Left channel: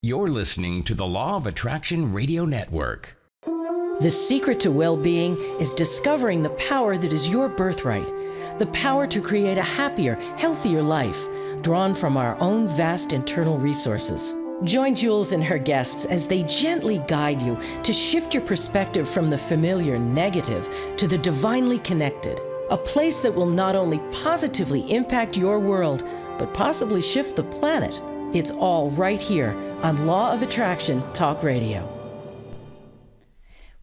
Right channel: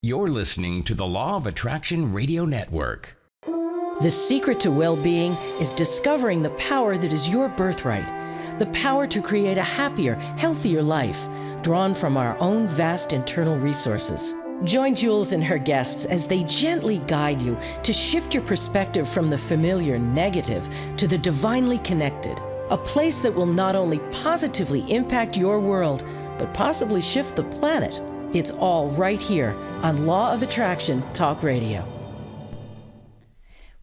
You're listening to the Law of Attraction Radio Network. The secret to well-being is discovering the power that is your birthright, the power to create a happier, healthier life, drawn from our own vast internal resources. Join Jules and her guests as they gently guide you to shift your perspective from the familiar negative to the divinely connected, a place that will not only positively impact your world, but possibly shift the planet. It's all right here on Law of Attraction Talk Radio.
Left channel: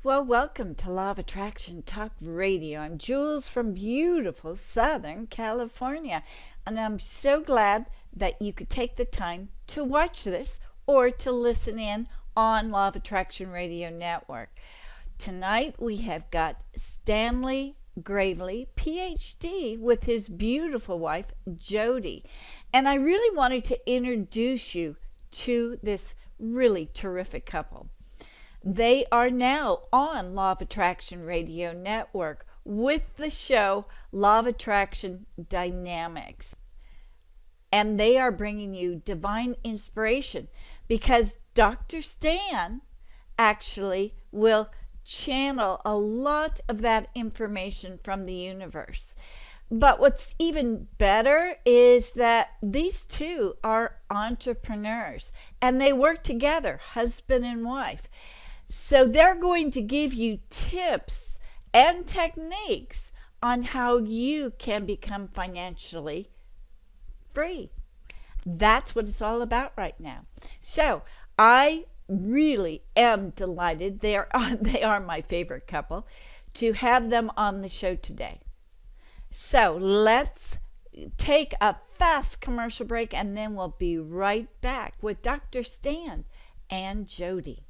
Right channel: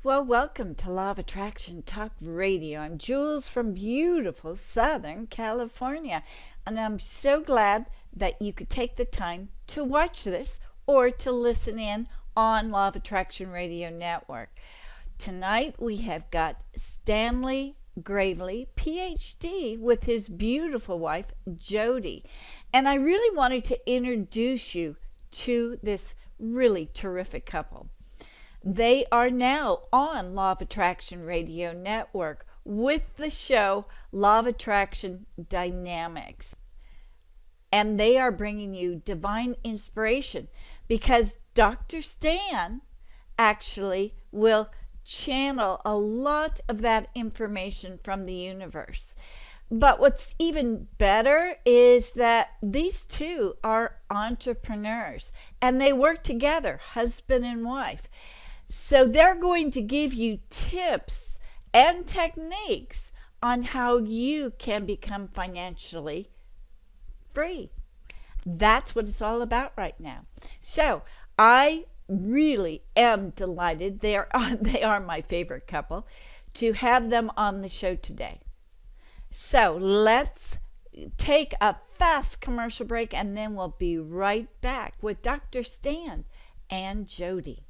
Well, welcome to Law of Attraction Talk Radio. I'm Jules from beautiful Southern California, and I'm so glad that you could take the time to watch this or to listen in on Law of Attraction Radio Network. Tonight we have got Stanley Gravely, PhD, with his beautiful wife, Jody. And I really wanted to introduce you to this really terrific couple. They are now on Law of Attraction Radio Network with the show Law of Attraction Dynamics. And they are bringing you divine inspiration because Dr. Stan actually will channel a lot of that information from the universe. But what's even better is that these two are entrepreneurs and they work together, husband and wife. So they're going to give you tips and techniques on how you can become financially free. That's what it's all about right now. So I really am delighted. They are my favorite couple to have them on the show today. So let's take a fast commercial break and then we'll be right back with Dr. Stan and Jody.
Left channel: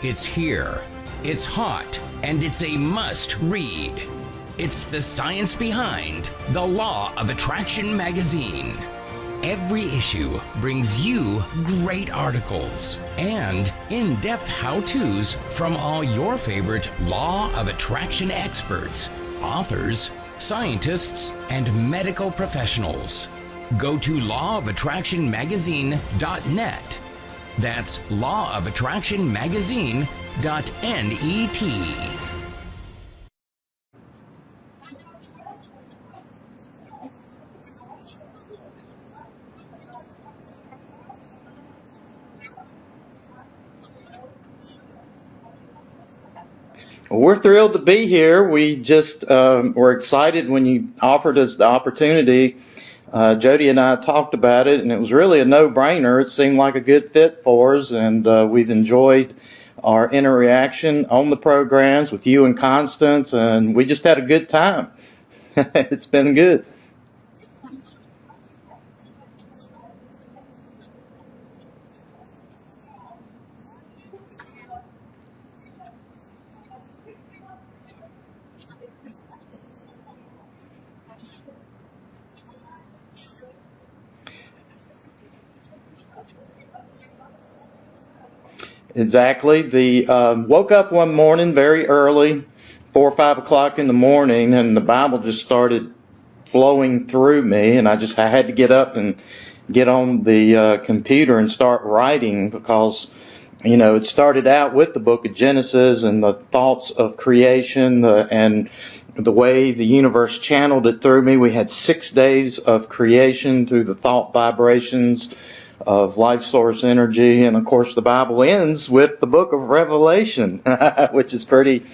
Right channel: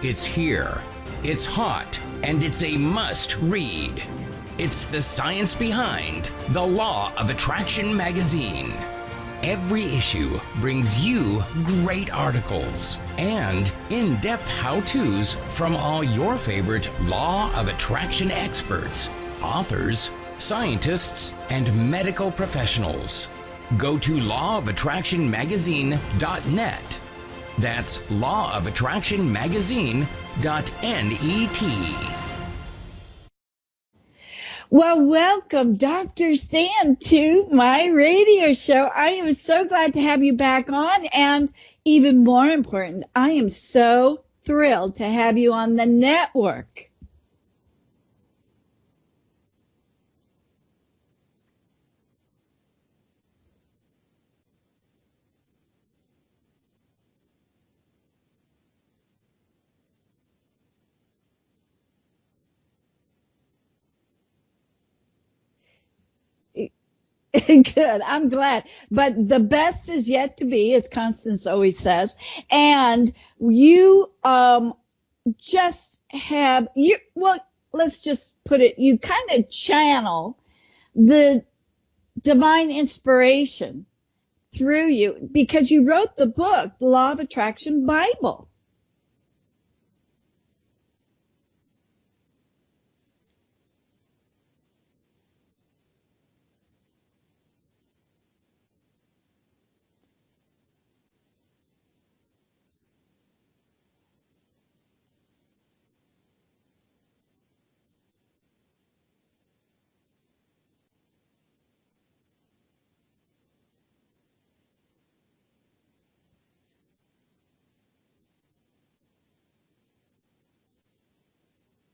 It's here, it's hot, and it's a must read. It's the science behind the Law of Attraction magazine. Every issue brings you great articles and in-depth how-tos from all your favorite Law of Attraction experts, authors, scientists, and medical professionals. Go to lawofattractionmagazine.net. That's lawofattractionmagazine.net. Well, welcome, Dr. Stan, to my radio show. I am so glad to have you back on, and even more important, I am so thrilled to have you on the network. Well, we're thrilled to be here. We just were excited when you offered us the opportunity. Jody and I talked about it, and it was really a no-brainer. It seemed like a good fit for us, and we've enjoyed our interaction on the programs with you and Constance, and we just had a good time. It's been good. Good. I'm glad. But the best is yet to be, as Constance always says. And you just have, let's just put it, you kind of channel the divine inspiration through you because you wrote the book, The Law of Attraction Bible. Exactly. Woke up one morning very early, 4 or 5 o'clock in the morning, and the Bible just started flowing through me, and I had to get up and get on the computer and start writing because, it started out with the book of Genesis and the thoughts of creation and the way the universe channeled it through me. We had 6 days of creation through the thought vibrations of life source energy, and of course the Bible ends with the book of Revelation, which is pretty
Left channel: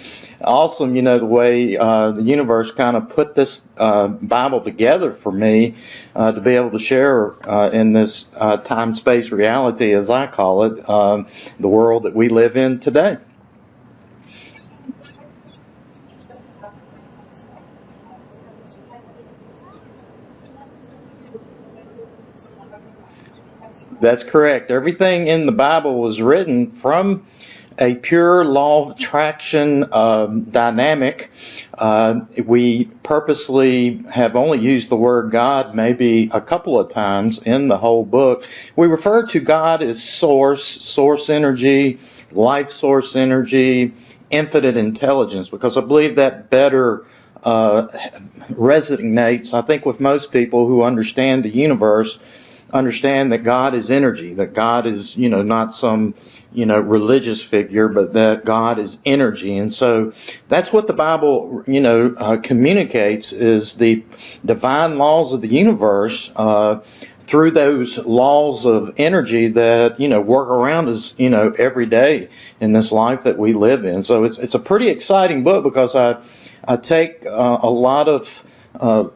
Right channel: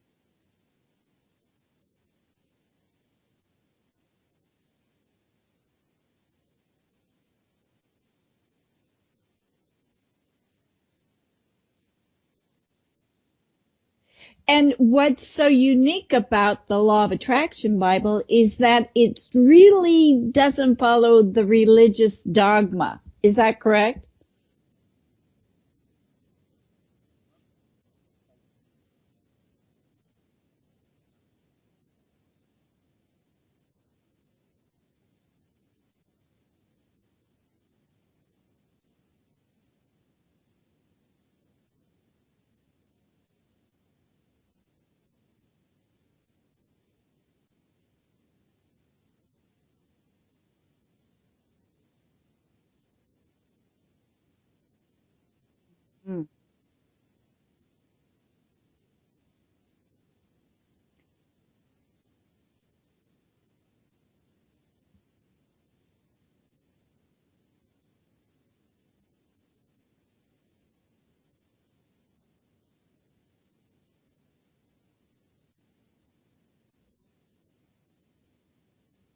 awesome, the way the universe kind of put this Bible together for me to be able to share in this time-space reality, as I call it, the world that we live in today. And what's so unique about the Law of Attraction Bible is that it really doesn't follow the religious dogma. Is that correct? That's correct. Everything in the Bible was written from a pure law of attraction dynamic. We purposely have only used the word God maybe a couple of times in the whole book. We refer to God as source energy, life source energy, infinite intelligence, because I believe that better resonates, I think, with most people who understand the universe, understand that God is energy, that God is, not some, religious figure, but that God is energy. And so that's what the Bible, communicates, is the divine laws of the universe, through those laws of energy that, work around us, every day in this life that we live in. So it's a pretty exciting book, because I take a lot of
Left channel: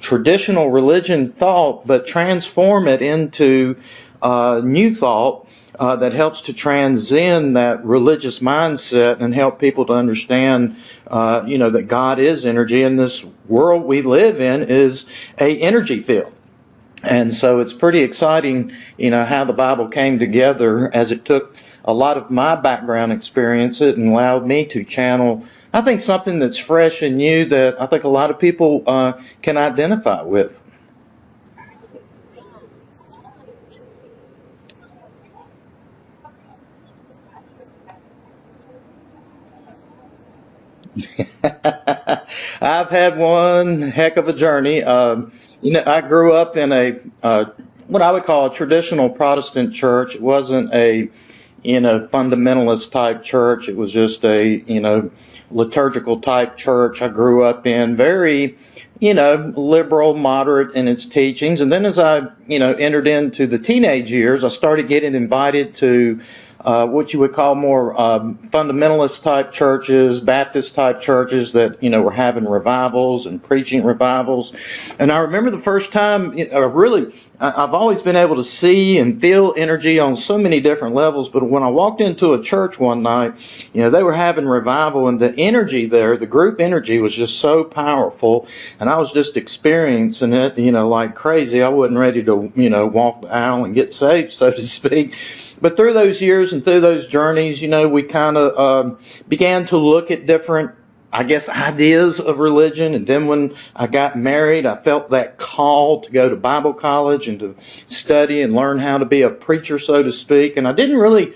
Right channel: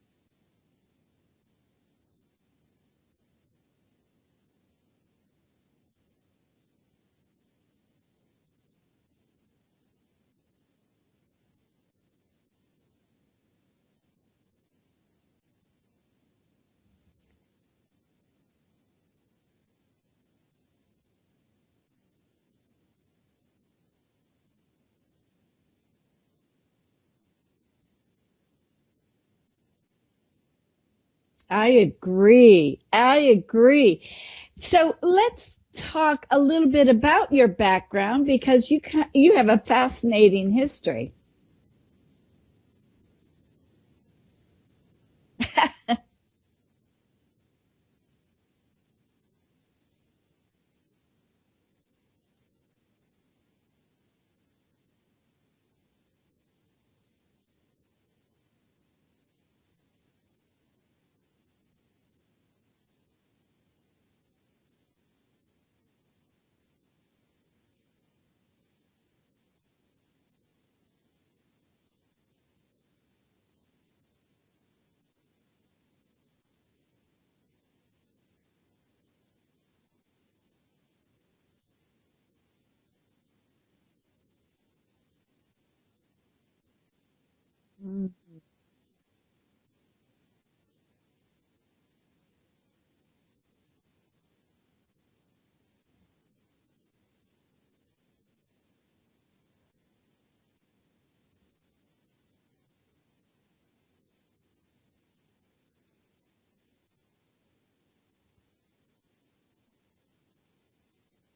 traditional religion thought, but transform it into new thought that helps to transcend that religious mindset and help people to understand, that God is energy, and this world we live in is a energy field. And so it's pretty exciting, how the Bible came together, as it took a lot of my background experience and allowed me to channel, I think, something that's fresh and new that I think a lot of people can identify with. I agree. I agree. So let's talk a little bit about your background, because you have a fascinating history. I've had one heck of a journey. I grew up in a what I would call a traditional Protestant church. It wasn't a fundamentalist type church. It was just a liturgical type church I grew up in. Very liberal, moderate in its teachings. And then as I, entered into the teenage years, I started getting invited to what you would call more fundamentalist type churches, Baptist type churches that, were having revivals and preaching revivals. And I remember the first time, I've always been able to see and feel energy on so many different levels, but when I walked into a church one night, they were having revival, and the energy there, the group energy, was just so powerful, and I was just experiencing it, like crazy. I wasn't ready to, walk the aisle and get saved, so to speak. But through those years and through those journeys, we kind of began to look at different, ideas of religion. And then when I got married, I felt that call to go to Bible college and to study and learn how to be a preacher, so to speak. And I didn't really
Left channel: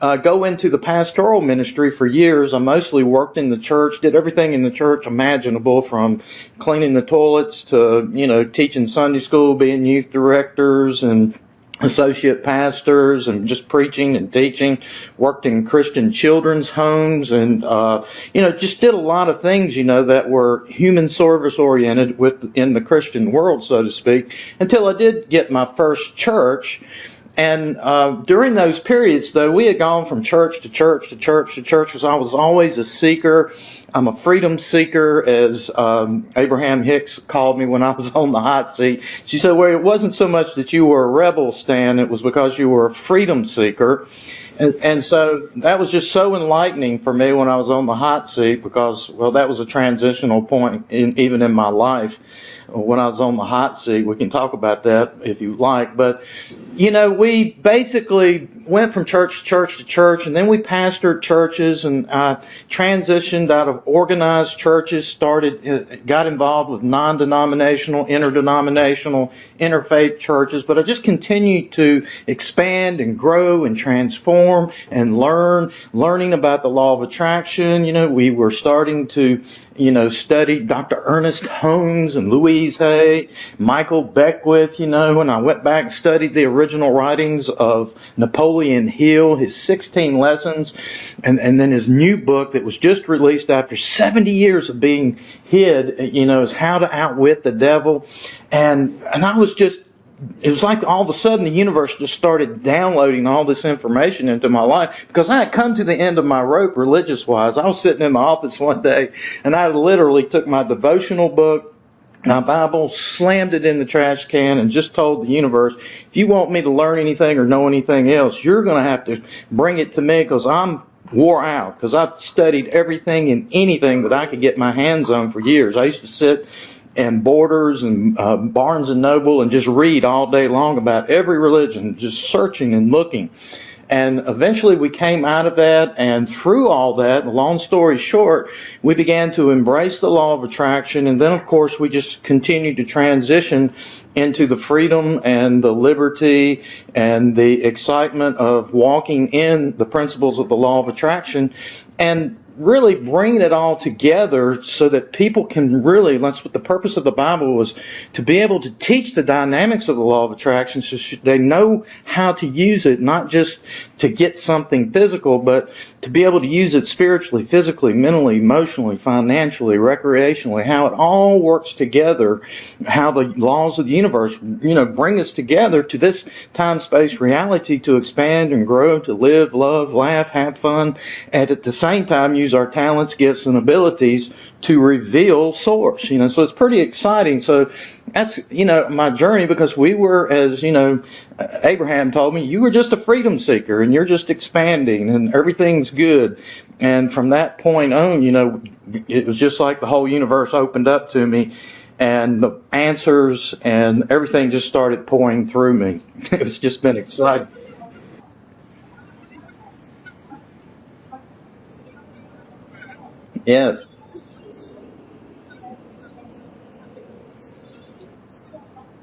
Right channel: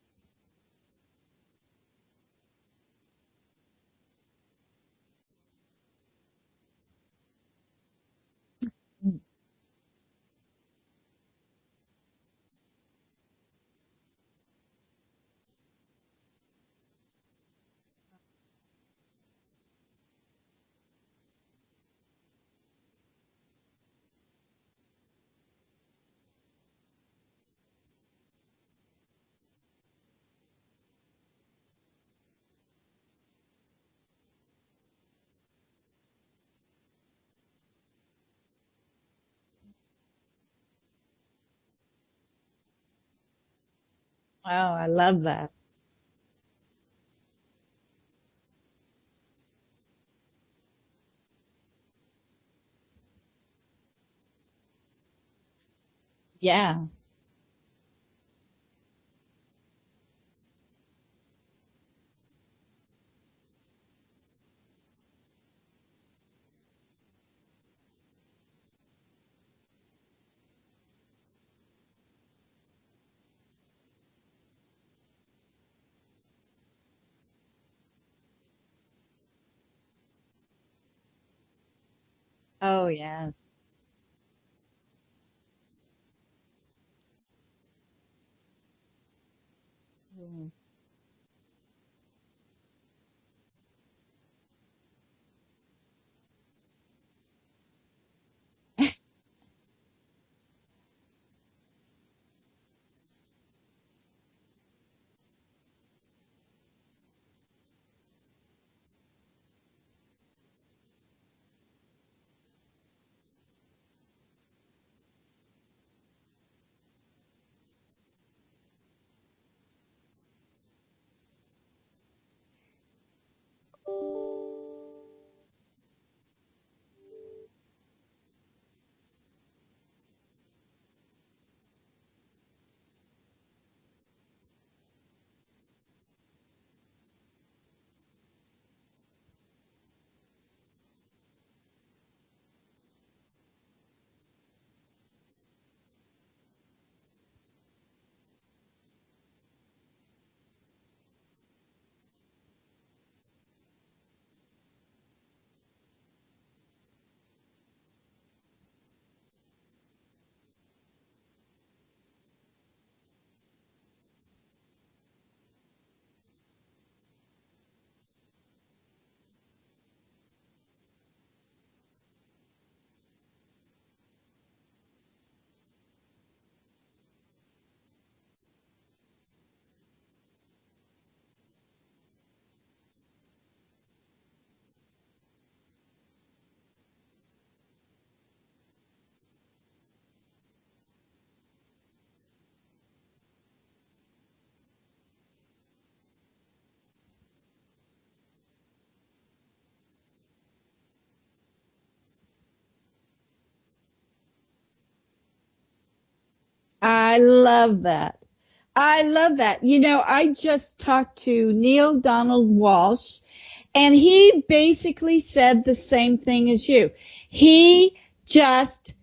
go into the pastoral ministry for years. I mostly worked in the church, did everything in the church imaginable, from cleaning the toilets to, teaching Sunday school, being youth directors and associate pastors, and just preaching and teaching. Worked in Christian children's homes, and just did a lot of things that were human service oriented in the Christian world, so to speak, until I did get my first church. And during those periods, though, we had gone from church to church to church to church, because I was always a seeker. I'm a freedom seeker, as Abraham Hicks called me when I was on the hot seat. She said, well, it wasn't so much that you were a rebel, Stan, it was because you were a freedom seeker. And so that was just so enlightening for me when I was on the hot seat, because, well, that was a transitional point even in my life. When I was on the hot seat, we can talk about that if you like. But, we basically went from church to church to church, and then we pastored churches, and I transitioned out of organized churches, got involved with non-denominational, interdenominational, interfaith churches. But I just continued to expand and grow and transform and learning about the law of attraction. We were starting to study Dr. Ernest Holmes and Louise Hay, Michael Beckwith, and I went back and studied the original writings of Napoleon Hill, his 16 lessons, and then his new book that was just released after 70 years of being hid, is How to Outwit the Devil. And I was just, it was like all of a sudden the universe just started downloading all this information into my life, because I had come to the end of my rope religious-wise. I was sitting in my office one day, and I literally took my devotional book, my Bible, slammed it in the trash can, and just told the universe, if you want me to learn anything or know anything else, you're going to have to bring it to me, because I'm wore out, because I've studied everything and anything that I could get my hands on for years. I used to sit and Borders and Barnes and Noble and just read all day long about every religion, just searching and looking. And eventually we came out of that, and through all that, long story short, we began to embrace the law of attraction. And then, of course, we just continued to transition into the freedom and the liberty and the excitement of walking in the principles of the law of attraction. And really bringing it all together so that people can really, that's what the purpose of the Bible was, to be able to teach the dynamics of the law of attraction so they know how to use it, not just to get something physical, but to be able to use it spiritually, physically, mentally, emotionally, financially, recreationally, how it all works together, how the laws of the universe, bring us together to this time-space reality to expand and grow, to live, love, laugh, have fun, and at the same time use our talents, gifts, and abilities to reveal source. So it's pretty exciting. So that's, my journey, because we were, as, Abraham told me, you were just a freedom seeker and you're just expanding and everything's good. And from that point on, it was just like the whole universe opened up to me and the answers and everything just started pouring through me. It's just been exciting. I love that. I love that. I just talked to Neil Donald Walsh, Yes. and he basically said the same thing as you. He just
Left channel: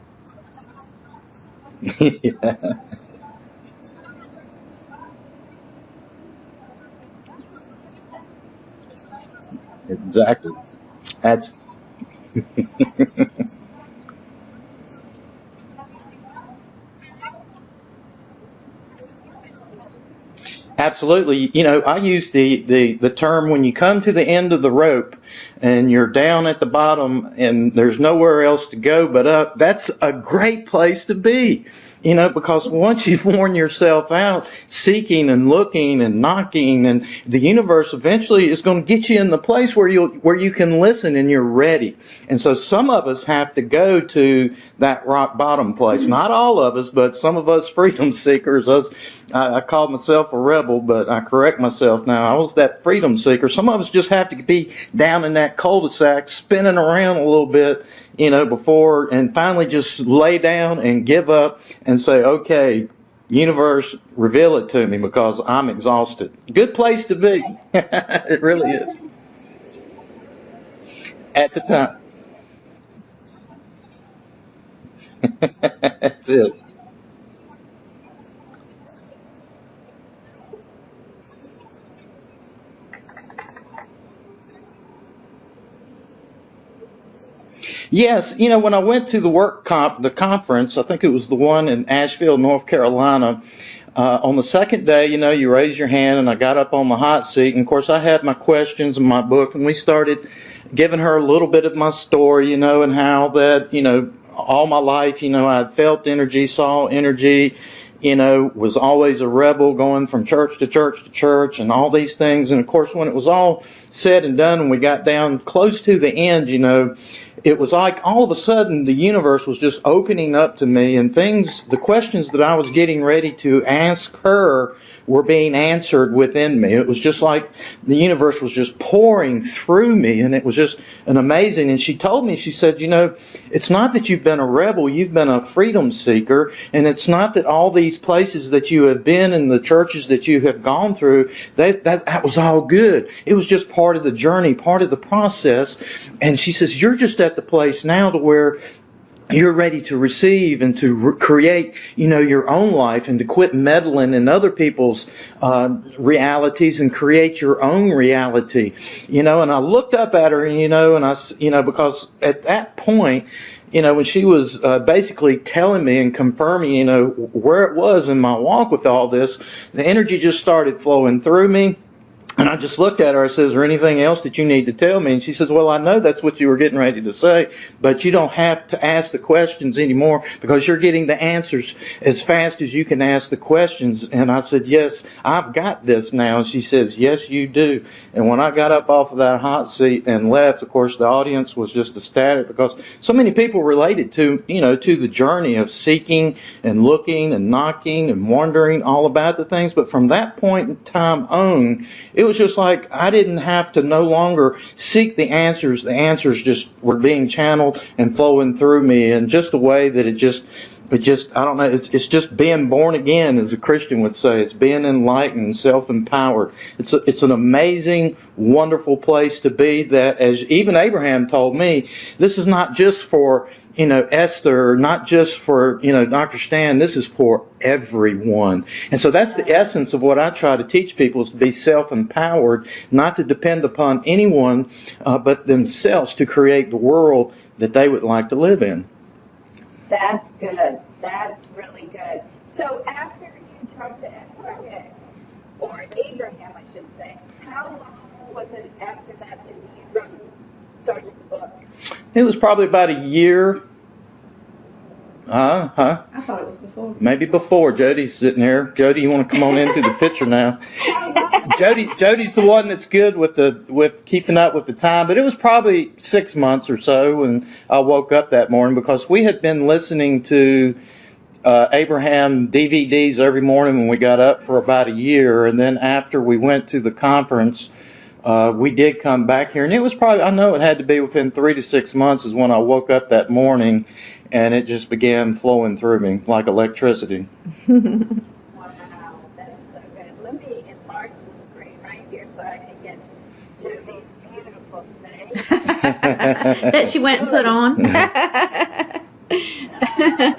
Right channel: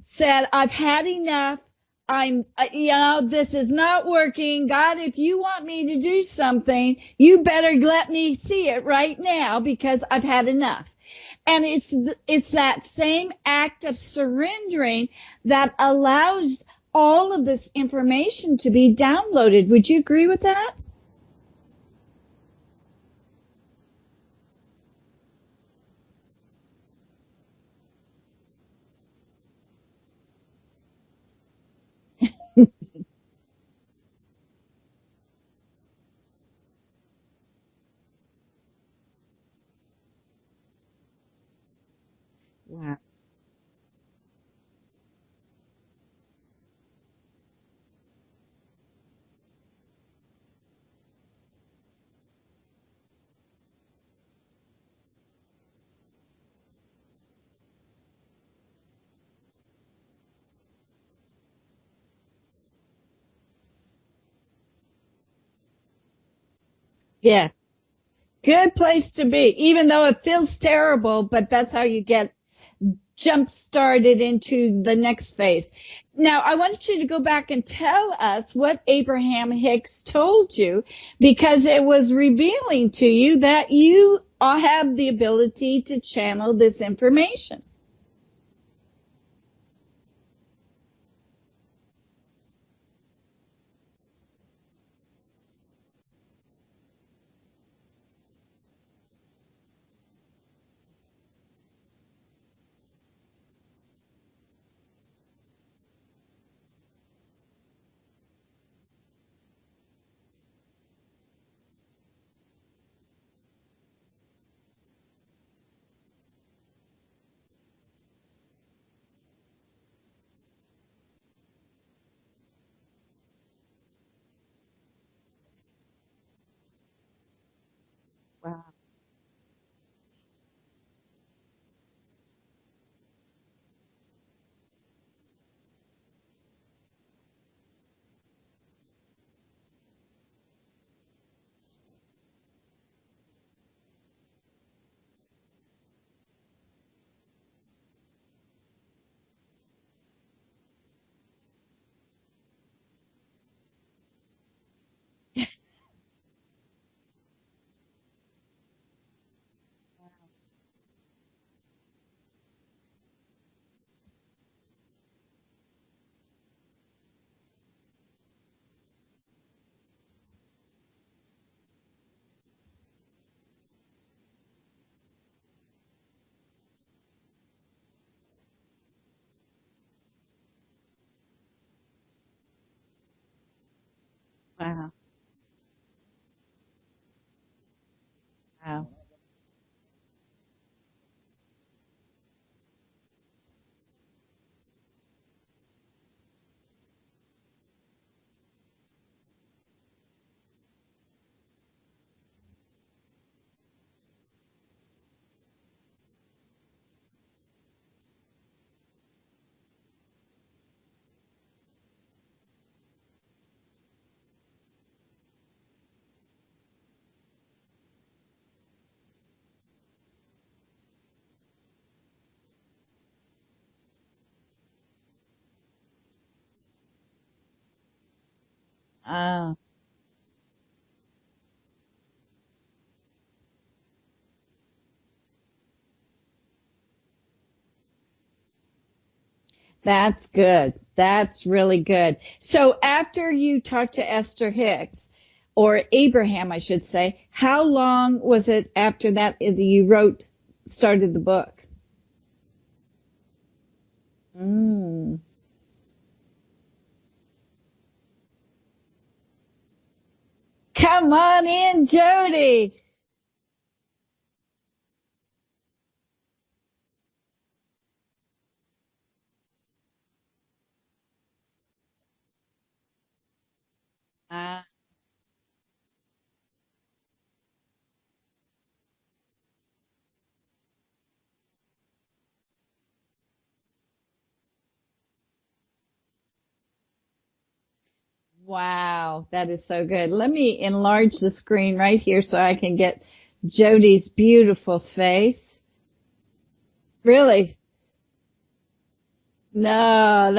said, I've had enough. This is not working. God, if you want me to do something, you better let me see it right now, because I've had enough. And it's that same act of surrendering that allows all of this information to be downloaded. Would you agree with that? Absolutely. I use the term, when you come to the end of the rope and you're down at the bottom and there's nowhere else to go but up, that's a great place to be. Because once you've worn yourself out seeking and looking and knocking, and the universe eventually is going to get you in the place where you can listen and you're ready. And so some of us have to go to that rock bottom place. Not all of us, but some of us freedom seekers. I called myself a rebel, but I correct myself now. I was that freedom seeker. Some of us just have to be down in that cul-de-sac, spinning around a little bit, before, and finally just lay down and give up and say, okay, universe, reveal it to me, because I'm exhausted. Good place to be. Yeah. It really Good is. place to be, even though it feels terrible, but At the that's how time. you get jump started into the next phase. Now, Yes. I want you to go back and tell us what Abraham Hicks told you, because it was revealing to you that you have the ability to channel this information. Yes, when I went to the conference, I think it was the one in Asheville, North Carolina, on the second day, you raise your hand, and I got up on the hot seat, and of course I had my questions in my book, and we started giving her a little bit of my story, and how that, all my life, I'd felt energy, saw energy, was always a rebel, going from church to church to church and all these things. And of course, when it was all said and done and we got down close to the end, it was like all of a sudden the universe was just opening up to me, and the questions that I was getting ready to ask her were being answered within me. It was just like the universe was just pouring through me, and it was just an amazing. And she told me, she said, it's not that you've been a rebel, you've been a freedom seeker, and it's not that all these places that you have been and the churches that you have gone through, that was all good. It was just part of the journey, part of the process. And she says, you're just at the place now to where you're ready to receive and to create, your own life, and to quit meddling in other people's realities and create your own reality. And I looked up at her, and I, because at that point, when she was basically telling me and confirming, where it was in my walk with all this, the energy just started flowing through me. And I just looked at her. I said, is there anything else that you need to tell me? And she says, well, I know that's what you were getting ready to say, but you don't have to ask the questions anymore, because you're getting the answers as fast as you can ask the questions. And I said, yes, I've got this now. And she says, yes, you do. And when I got up off of that hot seat and left, of course, the audience was just ecstatic, because so many people related to the journey of seeking and looking and knocking and wondering all about the things. But from that point in time on, it was just like I didn't have to no longer seek the answers. The answers just were being channeled and flowing through me in just a way that it just it just, I don't know, it's just being born again, as a Christian would say. It's being enlightened, self-empowered. It's an amazing, wonderful place to be, that, as even Abraham told me, this is not just for, Esther, not just for, Dr. Stan, this is for everyone. And so that's the essence of what I try to teach people, is to be self-empowered, not to depend upon anyone but themselves to create the world that they would like to live in. That's good. That's really good. So after you talked to Esther Hicks, or Abraham, I should say, how long was it after that you started the book? It was probably about a year. I thought it was before. Maybe before. Jody's sitting there. Jody, you want to come on into the picture now? Come on in, Jody's the one that's good with keeping up with the time. But it was probably 6 months or so when I woke up that morning, because we had been listening to Abraham DVDs every morning when we got up for about a year. And then after we went to the conference, we did come back here. And it was probably, I know it had to be within 3 to 6 months is when I woke up that morning, and it just began flowing through me like electricity. Wow, that is so good. Let me enlarge the screen right here so I can get Jody's beautiful face. That she went and put on. No,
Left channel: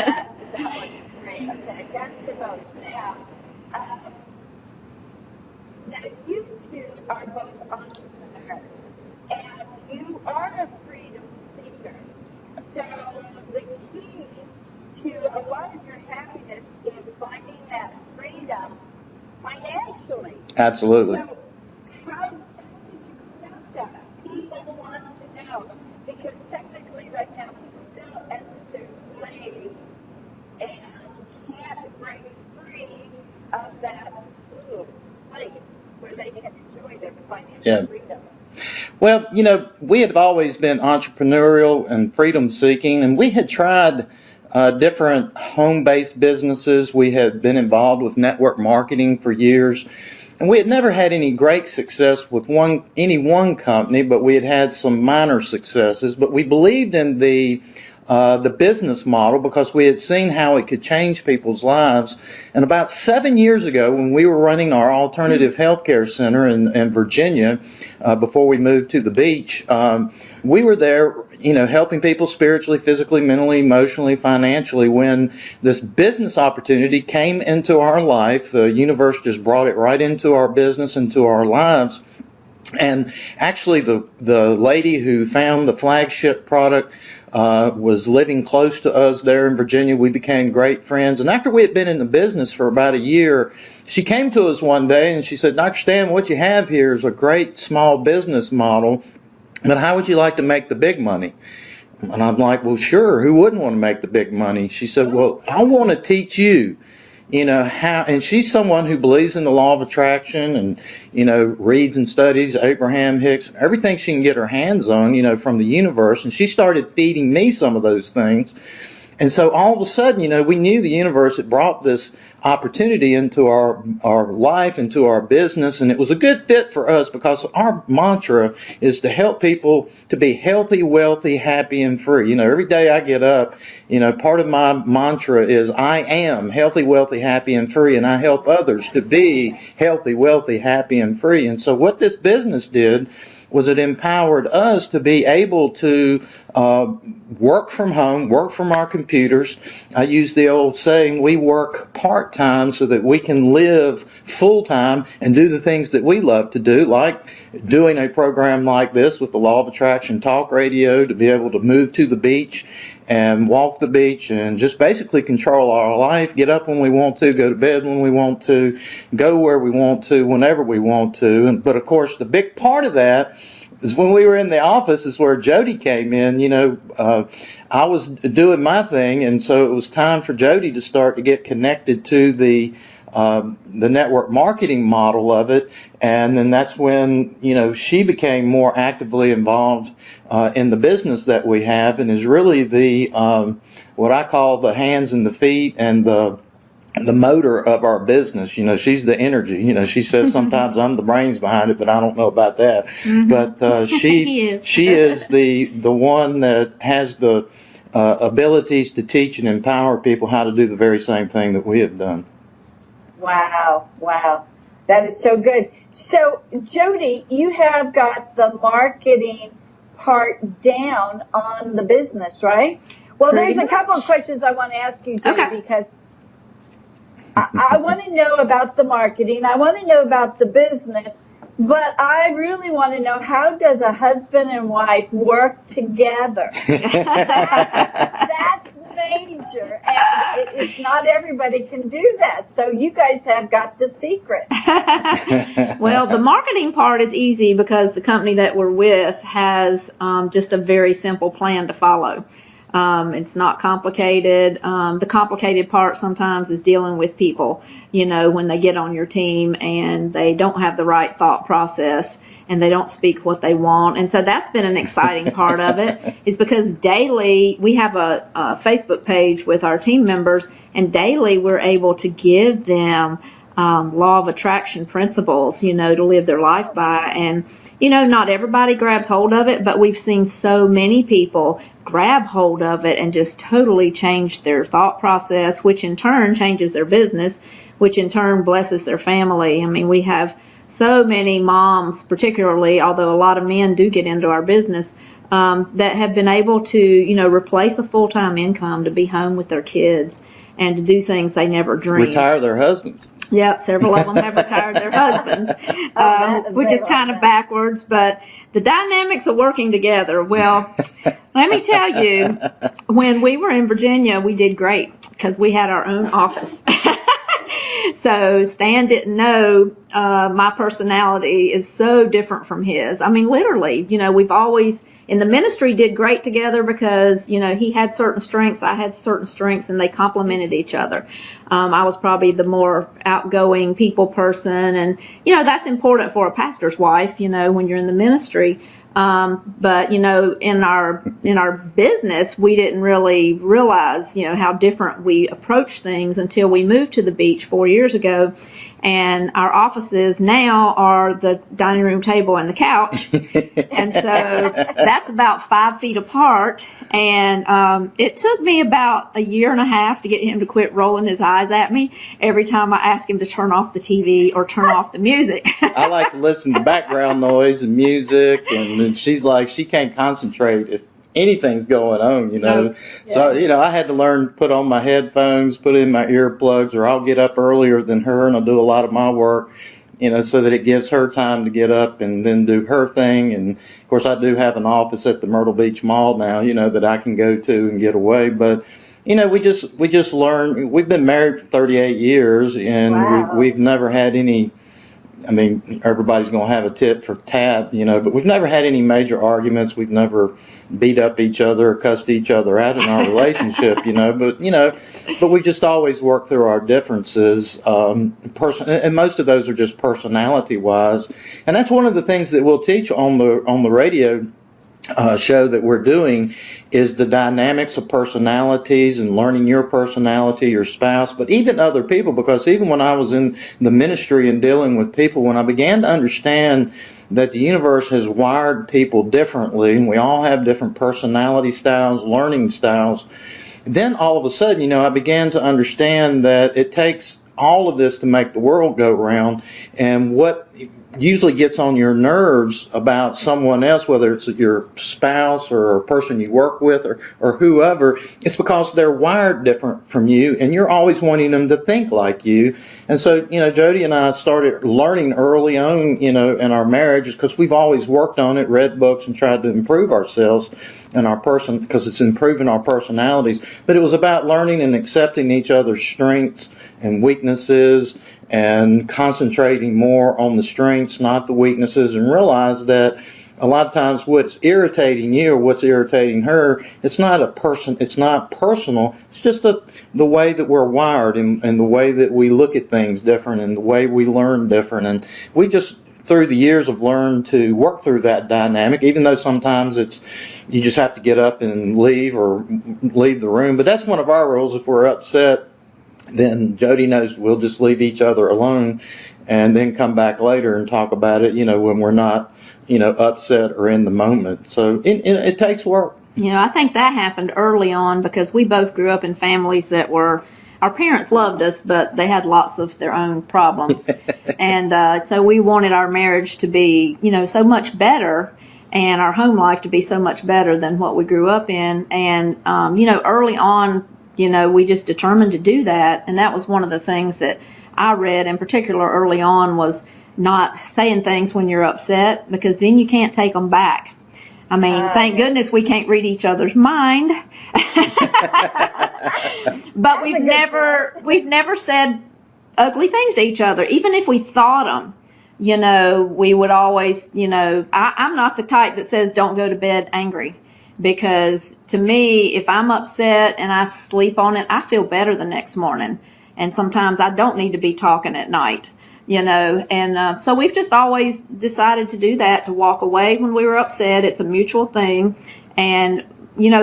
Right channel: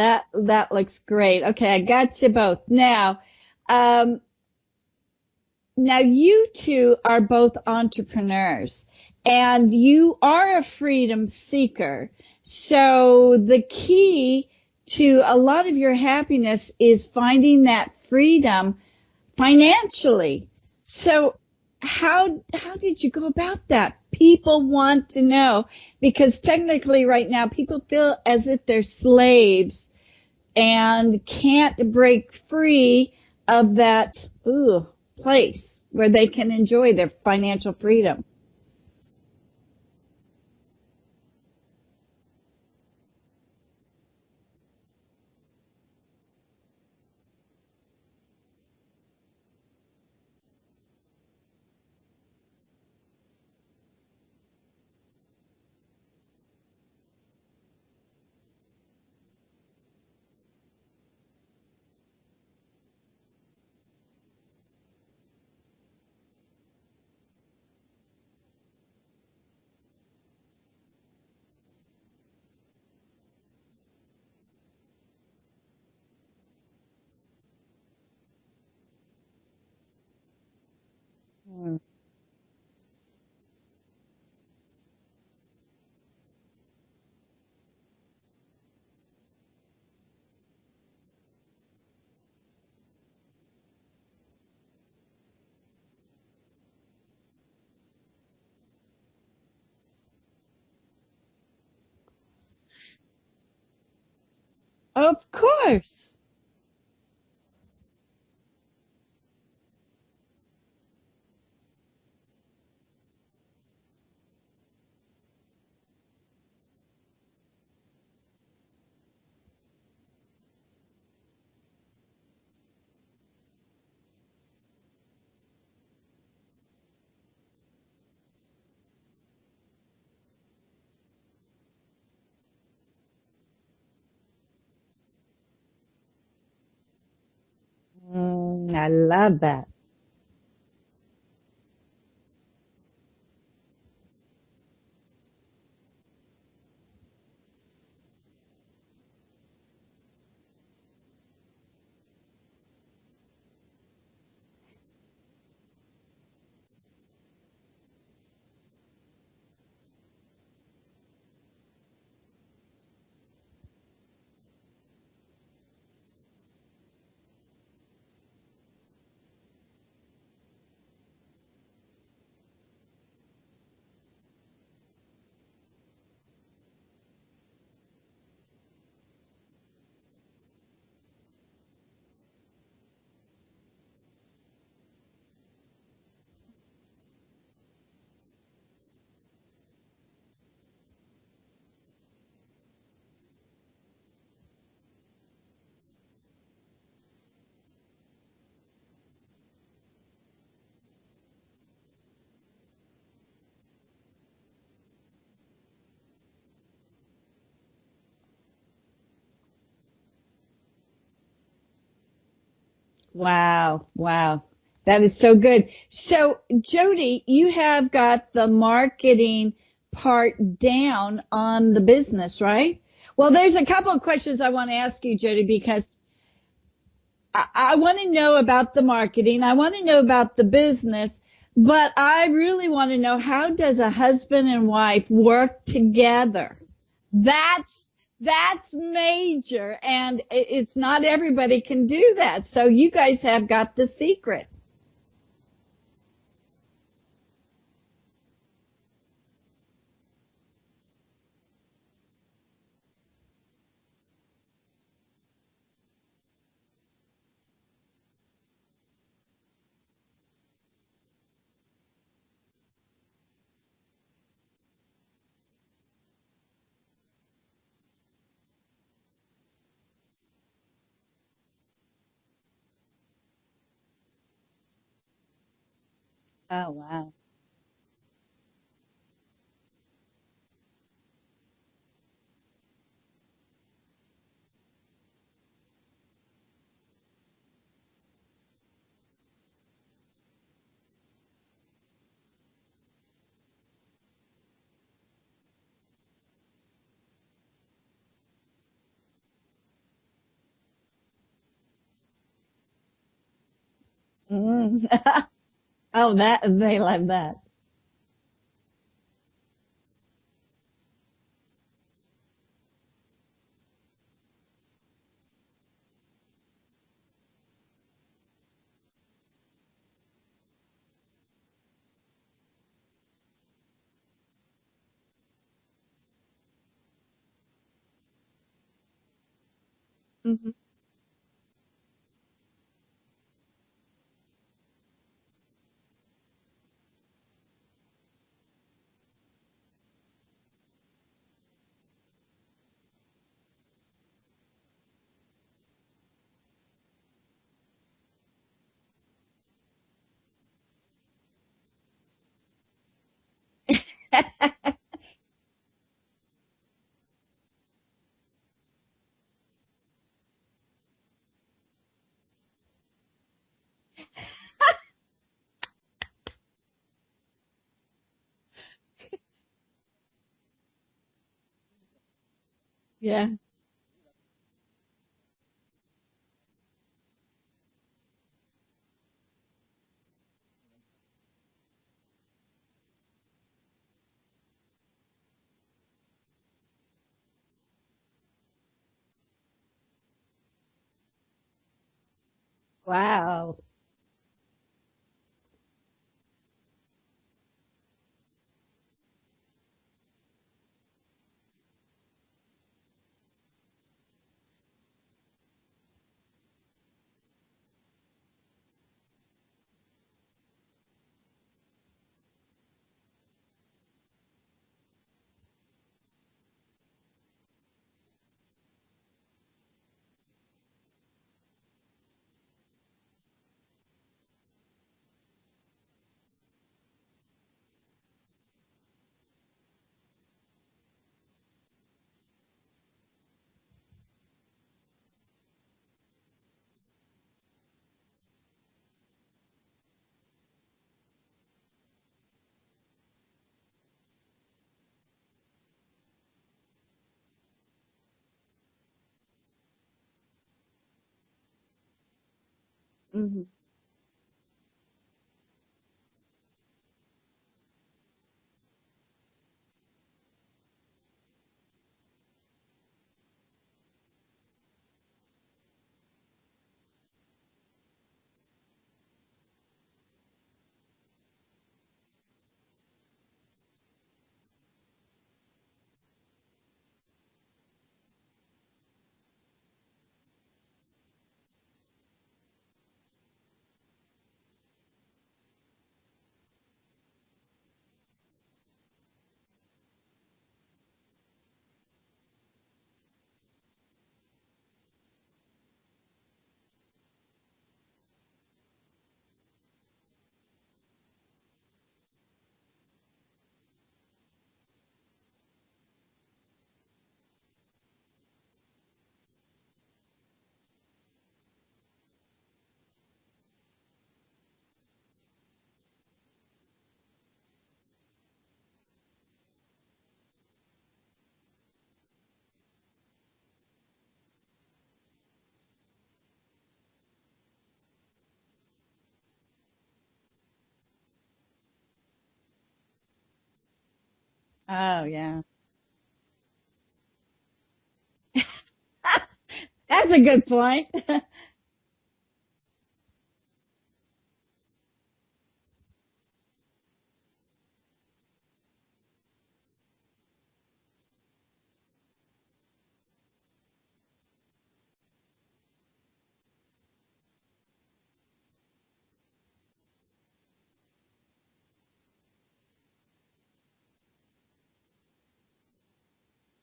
that looks great. Okay, I got you both. Now you two are both entrepreneurs, and you are a freedom seeker. So the key to a lot of your happiness is finding that freedom financially. Absolutely. So how did you go about that? People want to know, because technically right now people feel as if they're slaves and can't break free of that place where they can enjoy their financial freedom. Well, we had always been entrepreneurial and freedom-seeking, and we had tried different home-based businesses. We had been involved with network marketing for years, and we had never had any great success with any one company, but we had had some minor successes. But we believed in the business model because we had seen how it could change people's lives. And about 7 years ago, when we were running our alternative healthcare center in Virginia, before we moved to the beach, we were there, helping people spiritually, physically, mentally, emotionally, financially, when this business opportunity came into our life. The universe just brought it right into our business, into our lives. And actually, the lady who found the flagship product was living close to us there in Virginia. We became great friends. And after we had been in the business for about a year, she came to us one day and she said, "Dr. Stan, what you have here is a great small business model, but how would you like to make the big money?" And I'm like, "Well, sure. Who wouldn't want to make the big money?" She said, "Well, I want to teach you, how," and she's someone who believes in the law of attraction and, reads and studies Abraham Hicks, everything she can get her hands on, from the universe. And she started feeding me some of those things. And so all of a sudden, we knew the universe had brought this opportunity into our life, into our business, and it was a good fit for us because our mantra is to help people to be healthy, wealthy, happy, and free. Every day I get up, part of my mantra is I am healthy, wealthy, happy, and free, and I help others to be healthy, wealthy, happy, and free. And so what this business did was it empowered us to be able to work from home, work from our computers. I use the old saying, we work part-time so that we can live full-time and do the things that we love to do, like doing a program like this with the Law of Attraction Talk Radio, to be able to move to the beach and walk the beach and just basically control our life, get up when we want to, go to bed when we want to, go where we want to, whenever we want to. But of course, the big part of that is when we were in the office is where Jody came in. I was doing my thing, and so it was time for Jody to start to get connected to the network marketing model of it. And then that's when, she became more actively involved in the business that we have, and is really the what I call the hands and the feet and the motor of our business. She's the energy. She says sometimes I'm the brains behind it, but I don't know about that. But she is the one that has the abilities to teach and empower people how to do the very same thing that we have done. Wow, wow. That is so good. So, Jody, you have got the marketing part down on the business, right? Well, there's a couple of questions I want to ask you, Jody, Okay. because I want to know about the marketing. I want to know about the business, but I really want to know, how does a husband and wife work together? That's major, and it's not everybody can do that. So you guys have got the secret. Well, the marketing part is easy because the company that we're with has just a very simple plan to follow. It's not complicated. The complicated part sometimes is dealing with people, when they get on your team and they don't have the right thought process and they don't speak what they want. And so that's been an exciting part of it, is because daily we have a Facebook page with our team members, and daily we're able to give them law of attraction principles, to live their life by. And not everybody grabs hold of it, but we've seen so many people grab hold of it and just totally change their thought process, which in turn changes their business, which in turn blesses their family. I mean, we have so many moms, particularly, although a lot of men do get into our business, that have been able to, replace a full-time income to be home with their kids and to do things they never dreamed. Retire their husbands. Yep, several of them have retired their husbands, which is kind of backwards, but the dynamics of working together. Well, let me tell you, when we were in Virginia, we did great because we had our own office. So Stan didn't know my personality is so different from his. I mean, literally, we've always, in the ministry, did great together because, he had certain strengths, I had certain strengths, and they complemented each other. I was probably the more outgoing people person, and, that's important for a pastor's wife, when you're in the ministry. But, in our business, we didn't really realize, how different we approach things until we moved to the beach 4 years ago. And our offices now are the dining room table and the couch. And so that's about 5 feet apart. And it took me about a year and a half to get him to quit rolling his eyes at me every time I asked him to turn off the TV or turn off the music. I like to listen to background noise and music, and she's like, she can't concentrate if anything's going on, No. Yeah. So, I had to learn to put on my headphones, put in my earplugs, or I'll get up earlier than her and I'll do a lot of my work, so that it gives her time to get up and then do her thing. And of course, I do have an office at the Myrtle Beach Mall now, that I can go to and get away. But, we just learn. We've been married for 38 years, and Wow. we've never had any. I mean, everybody's going to have a tit for tat, but we've never had any major arguments. We've never beat up each other or cussed each other out in our relationship, but we just always work through our differences. And most of those are just personality wise. And that's one of the things that we'll teach on the radio show that we're doing, is the dynamics of personalities and learning your personality, your spouse, but even other people, because even when I was in the ministry and dealing with people, when I began to understand that the universe has wired people differently, and we all have different personality styles, learning styles, then all of a sudden, I began to understand that it takes all of this to make the world go round. And what usually gets on your nerves about someone else, whether it's your spouse or a person you work with or whoever, it's because they're wired different from you, and you're always wanting them to think like you. And so, Jody and I started learning early on, in our marriage, because we've always worked on it, read books, and tried to improve ourselves and our person, because it's improving our personalities. But it was about learning and accepting each other's strengths and weaknesses, and concentrating more on the strengths, not the weaknesses, and realize that a lot of times what's irritating you or what's irritating her, it's not personal, it's just the way that we're wired, and the way that we look at things different, and the way we learn different. And we just, through the years, have learned to work through that dynamic, even though sometimes you just have to get up and leave the room. But that's one of our rules. If we're upset, then Jody knows we'll just leave each other alone and then come back later and talk about it, when we're not, upset or in the moment. So it takes work. I think that happened early on because we both grew up in families that were, our parents loved us, but they had lots of their own problems. And so we wanted our marriage to be, so much better, and our home life to be so much better than what we grew up in. And, early on, we just determined to do that. And that was one of the things that I read in particular early on, was not saying things when you're upset, because then you can't take them back. I mean, thank goodness we can't read each other's mind. But we've never said ugly things to each other, even if we thought them. We would always, I'm not the type that says don't go to bed angry, because to me, if I'm upset and I sleep on it, I feel better the next morning. And sometimes I don't need to be talking at night. And so we've just always decided to do that, to walk away when we were upset. It's a mutual thing. And,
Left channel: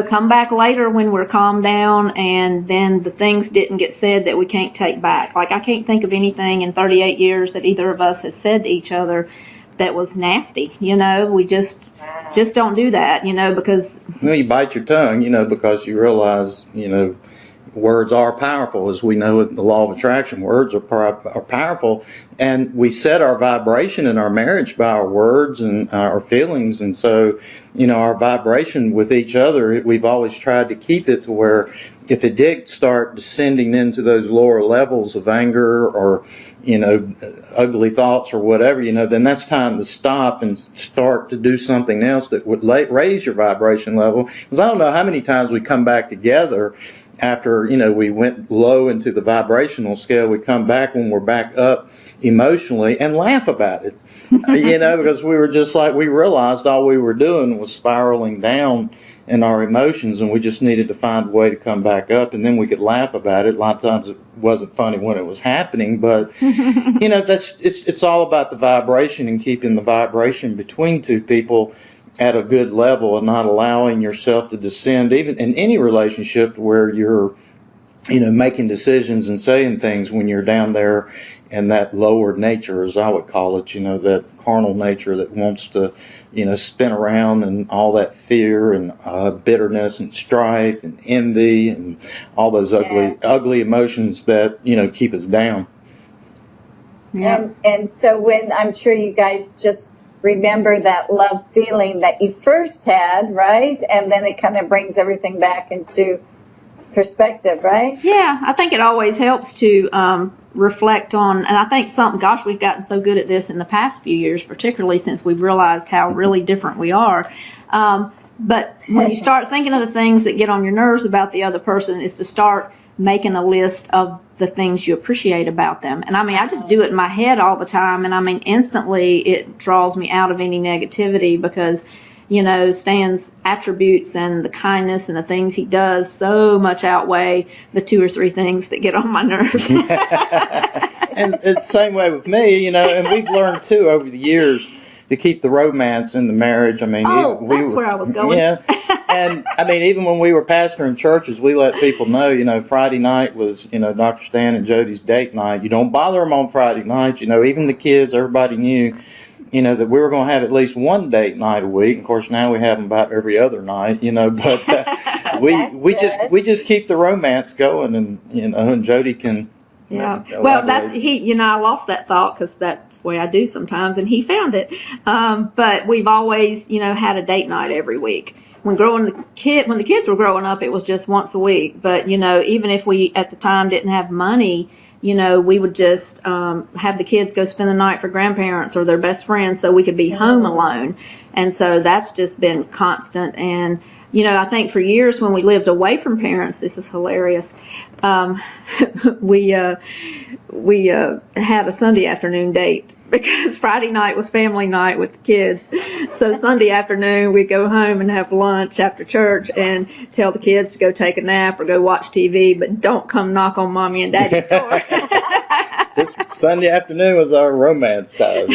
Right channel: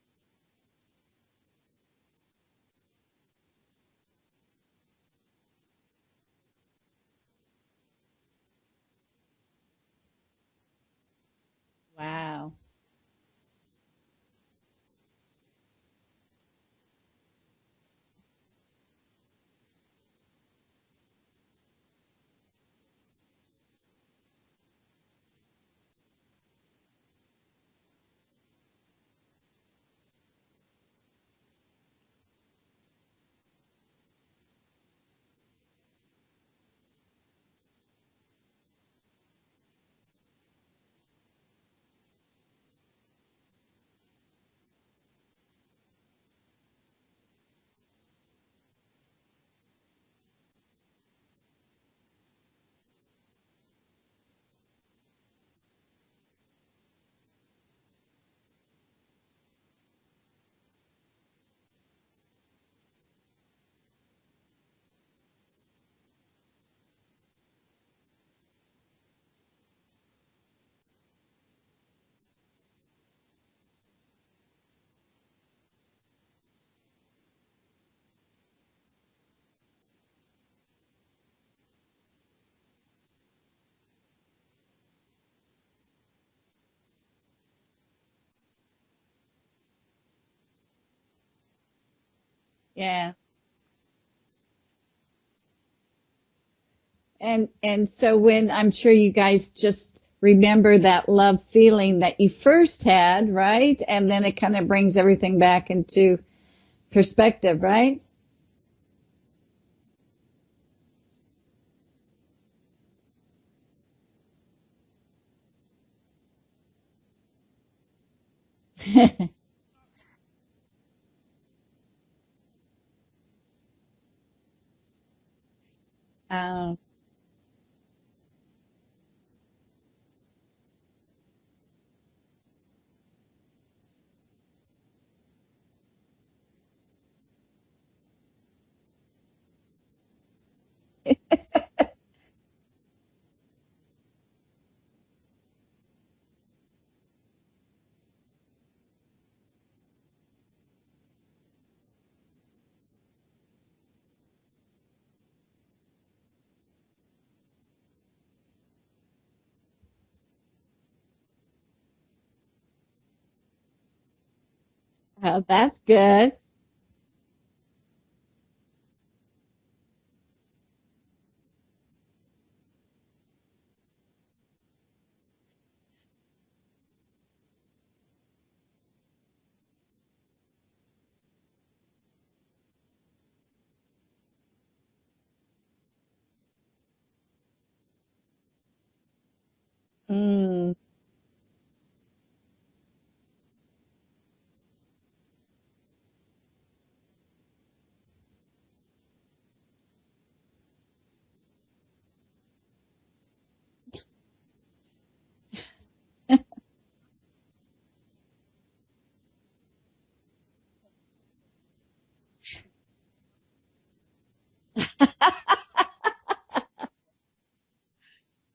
come back later when we're calmed down, and then the things didn't get said that we can't take back. Like, I can't think of anything in 38 years that either of us has said to each other that was nasty. We just don't do that, because... You bite your tongue, because you realize, words are powerful, as we know with the law of attraction. Words are powerful, and we set our vibration in our marriage by our words and our feelings. And so, our vibration with each other, we've always tried to keep it to where if it did start descending into those lower levels of anger or, ugly thoughts or whatever, then that's time to stop and start to do something else that would raise your vibration level. Because I don't know how many times we come back together after, we went low into the vibrational scale. We come back when we're back up emotionally and laugh about it, because we were just like, we realized all we were doing was spiraling down in our emotions, and we just needed to find a way to come back up, and then we could laugh about it. A lot of times it wasn't funny when it was happening, but, it's all about the vibration and keeping the vibration between two people at a good level, and not allowing yourself to descend, even in any relationship where you're, making decisions and saying things when you're down there in that lower nature, as I would call it, that carnal nature that wants to, spin around, and all that fear and bitterness and strife and envy and all those ugly emotions that, keep us down. Yeah. And so when, I'm sure you guys just remember that love feeling that you first had, right? And then it kind of brings everything back into perspective, right? Yeah, I think it always helps to reflect on, and I think we've gotten so good at this in the past few years, particularly since we've realized how really different we are. But when you start thinking of the things that get on your nerves about the other person, is to start making a list of the things you appreciate about them. And I just do it in my head all the time, and instantly it draws me out of any negativity, because Stan's attributes and the kindness and the things he does so much outweigh the 2 or 3 things that get on my nerves. And it's the same way with me, and we've learned too over the years to keep the romance in the marriage. That's where I was going. Yeah. And even when we were pastoring churches, we let people know, Friday night was, Dr. Stan and Jody's date night. You don't bother them on Friday nights. Even the kids, everybody knew, that we were going to have at least one date night a week. Of course, now we have them about every other night, but we just keep the romance going, and, and Jody can. Yeah. Well, that's I lost that thought, because that's the way I do sometimes, and he found it. But we've always, had a date night every week. When the kids were growing up, it was just once a week. But, even if we at the time didn't have money, we would just have the kids go spend the night for grandparents or their best friends, so we could be home alone. And so that's just been constant. And, I think for years when we lived away from parents, this is hilarious, we had a Sunday afternoon date, because Friday night was family night with the kids. So Sunday afternoon we'd go home and have lunch after church and tell the kids to go take a nap or go watch TV, but don't come knock on Mommy and Daddy's door. Sunday afternoon was our romance time.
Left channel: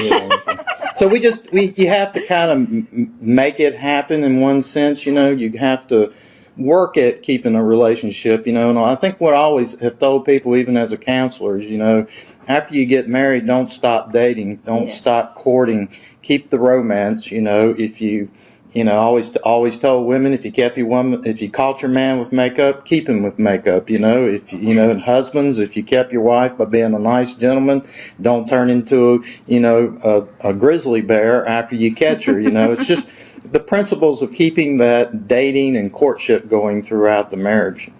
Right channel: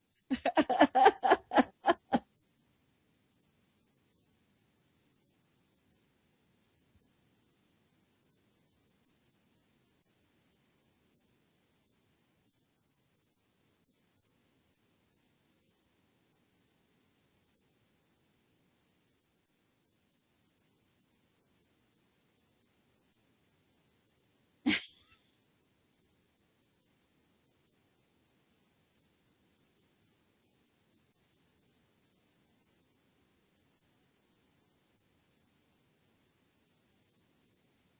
So you have to kind of make it happen in one sense. You have to work at keeping a relationship. And I think what I always have told people, even as a counselor, is, after you get married, don't stop dating, don't stop courting, keep the romance. If you I always told women, if you caught your man with makeup, keep him with makeup. And husbands, if you kept your wife by being a nice gentleman, don't turn into a grizzly bear after you catch her. It's just the principles of keeping that dating and courtship going throughout the marriage.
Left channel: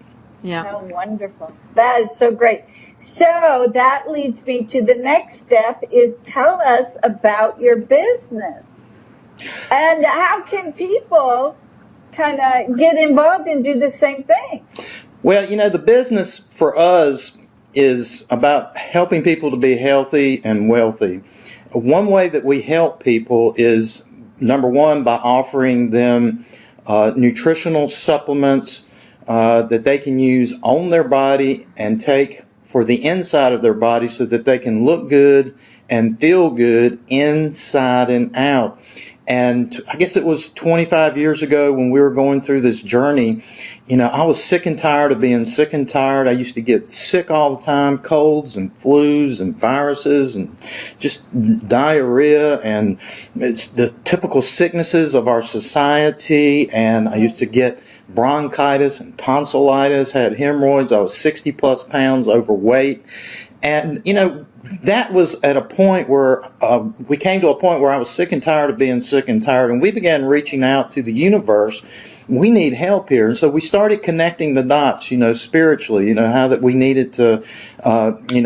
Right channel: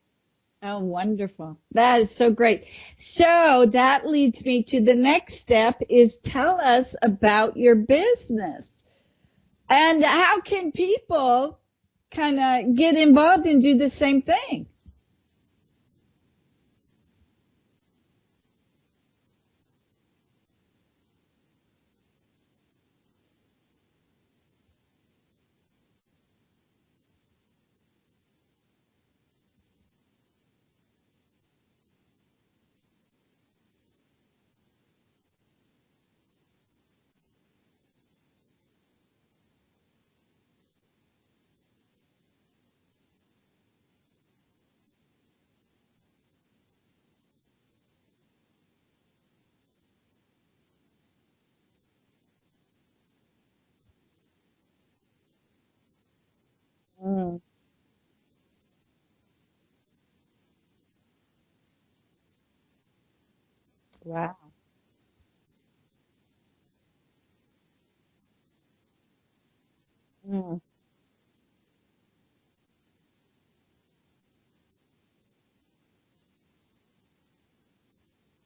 Yeah. Oh, wonderful. That is so great. So that leads me to the next step is tell us about your business. And how can people kind of get involved and do the same thing? Well, the business for us is about helping people to be healthy and wealthy. One way that we help people is, number one, by offering them nutritional supplements that they can use on their body and take for the inside of their body so that they can look good and feel good inside and out. And I guess it was 25 years ago when we were going through this journey, I was sick and tired of being sick and tired. I used to get sick all the time, colds and flus and viruses and just diarrhea, and it's the typical sicknesses of our society. And I used to get bronchitis and tonsillitis, had hemorrhoids. I was 60 plus pounds overweight. And, that was at a point where we came to a point where I was sick and tired of being sick and tired, and we began reaching out to the universe. We need help here. And so we started connecting the dots, spiritually, how that we needed to,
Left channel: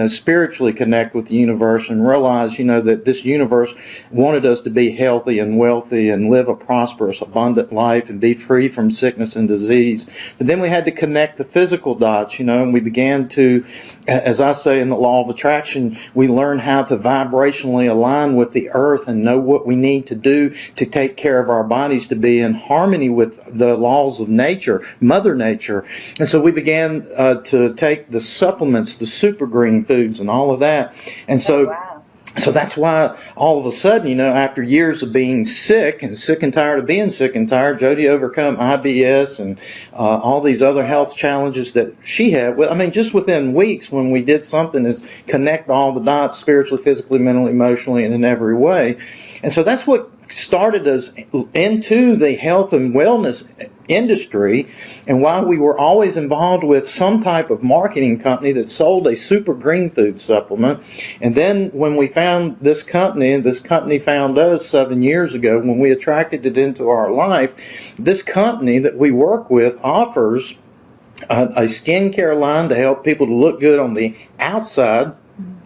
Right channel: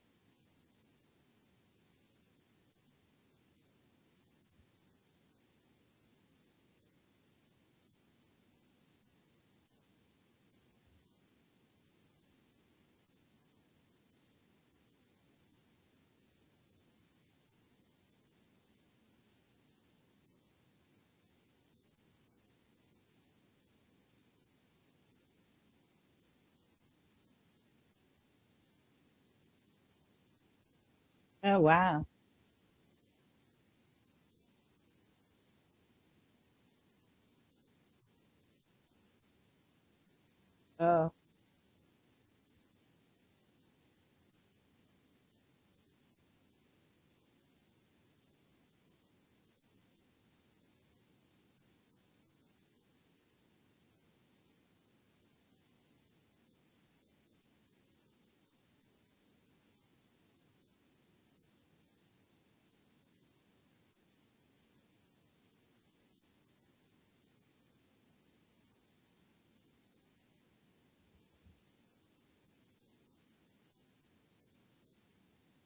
spiritually connect with the universe and realize, that this universe wanted us to be healthy and wealthy and live a prosperous, abundant life and be free from sickness and disease. But then we had to connect the physical dots, and we began to, as I say in the law of attraction, we learned how to vibrationally align with the earth and know what we need to do to take care of our bodies, to be in harmony with the laws of nature, Mother Nature. And so we began to take the supplements, the super green foods and all of that. And so, wow. So that's why all of a sudden, after years of being sick and tired of being sick and tired, Jody overcome IBS and all these other health challenges that she had. Just within weeks when we did something is connect all the dots spiritually, physically, mentally, emotionally, and in every way. And so that's what started us into the health and wellness industry, and while we were always involved with some type of marketing company that sold a super green food supplement. And then when we found this company, and this company found us 7 years ago when we attracted it into our life, this company that we work with offers a skincare line to help people to look good on the outside.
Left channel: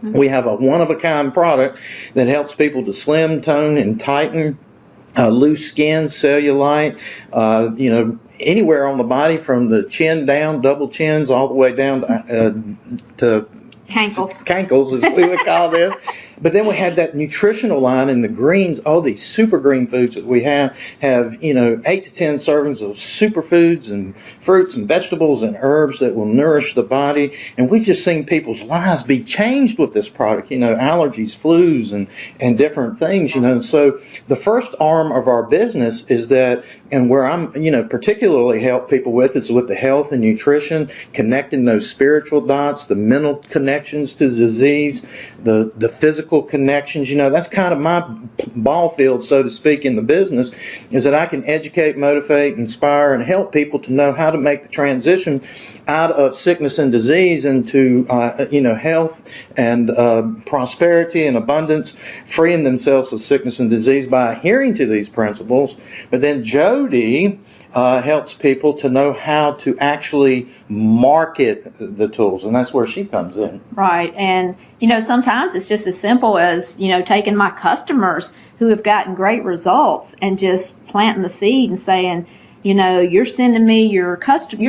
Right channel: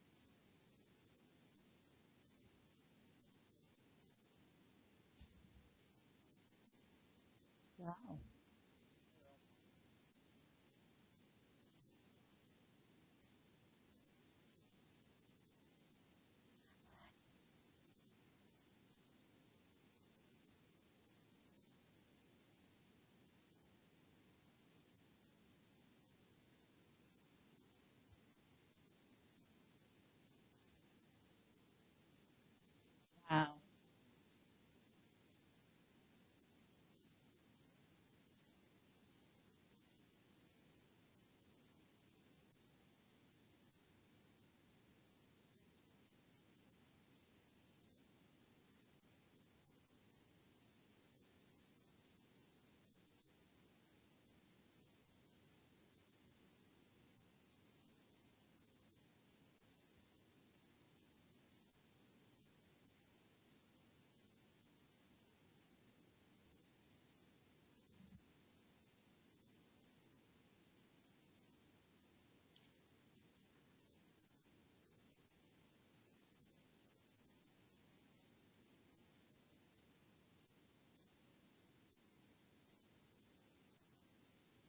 We have a one-of-a-kind product that helps people to slim, tone, and tighten loose skin, cellulite, anywhere on the body from the chin down, double chins, all the way down to cankles, as we would call them. But then we had that nutritional line in the greens, all these super green foods that we have 8 to 10 servings of superfoods and fruits and vegetables and herbs that will nourish the body. And we've just seen people's lives be changed with this product, allergies, flus, and different things, And so the first arm of our business is that, and where I'm, particularly help people with, is with the health and nutrition, connecting those spiritual dots, the mental connections to the disease, the physical connections. That's kind of my ball field, so to speak, in the business, is that I can educate, motivate, inspire, and help people to know how to make the transition out of sickness and disease into, health and prosperity and abundance, freeing themselves of sickness and disease by adhering to these principles. But then Jody helps people to know how to actually market the tools, and that's where she comes in. Right. And, sometimes it's just as simple as, taking my customers who have gotten great results and just planting the seed and saying, you're sending me you're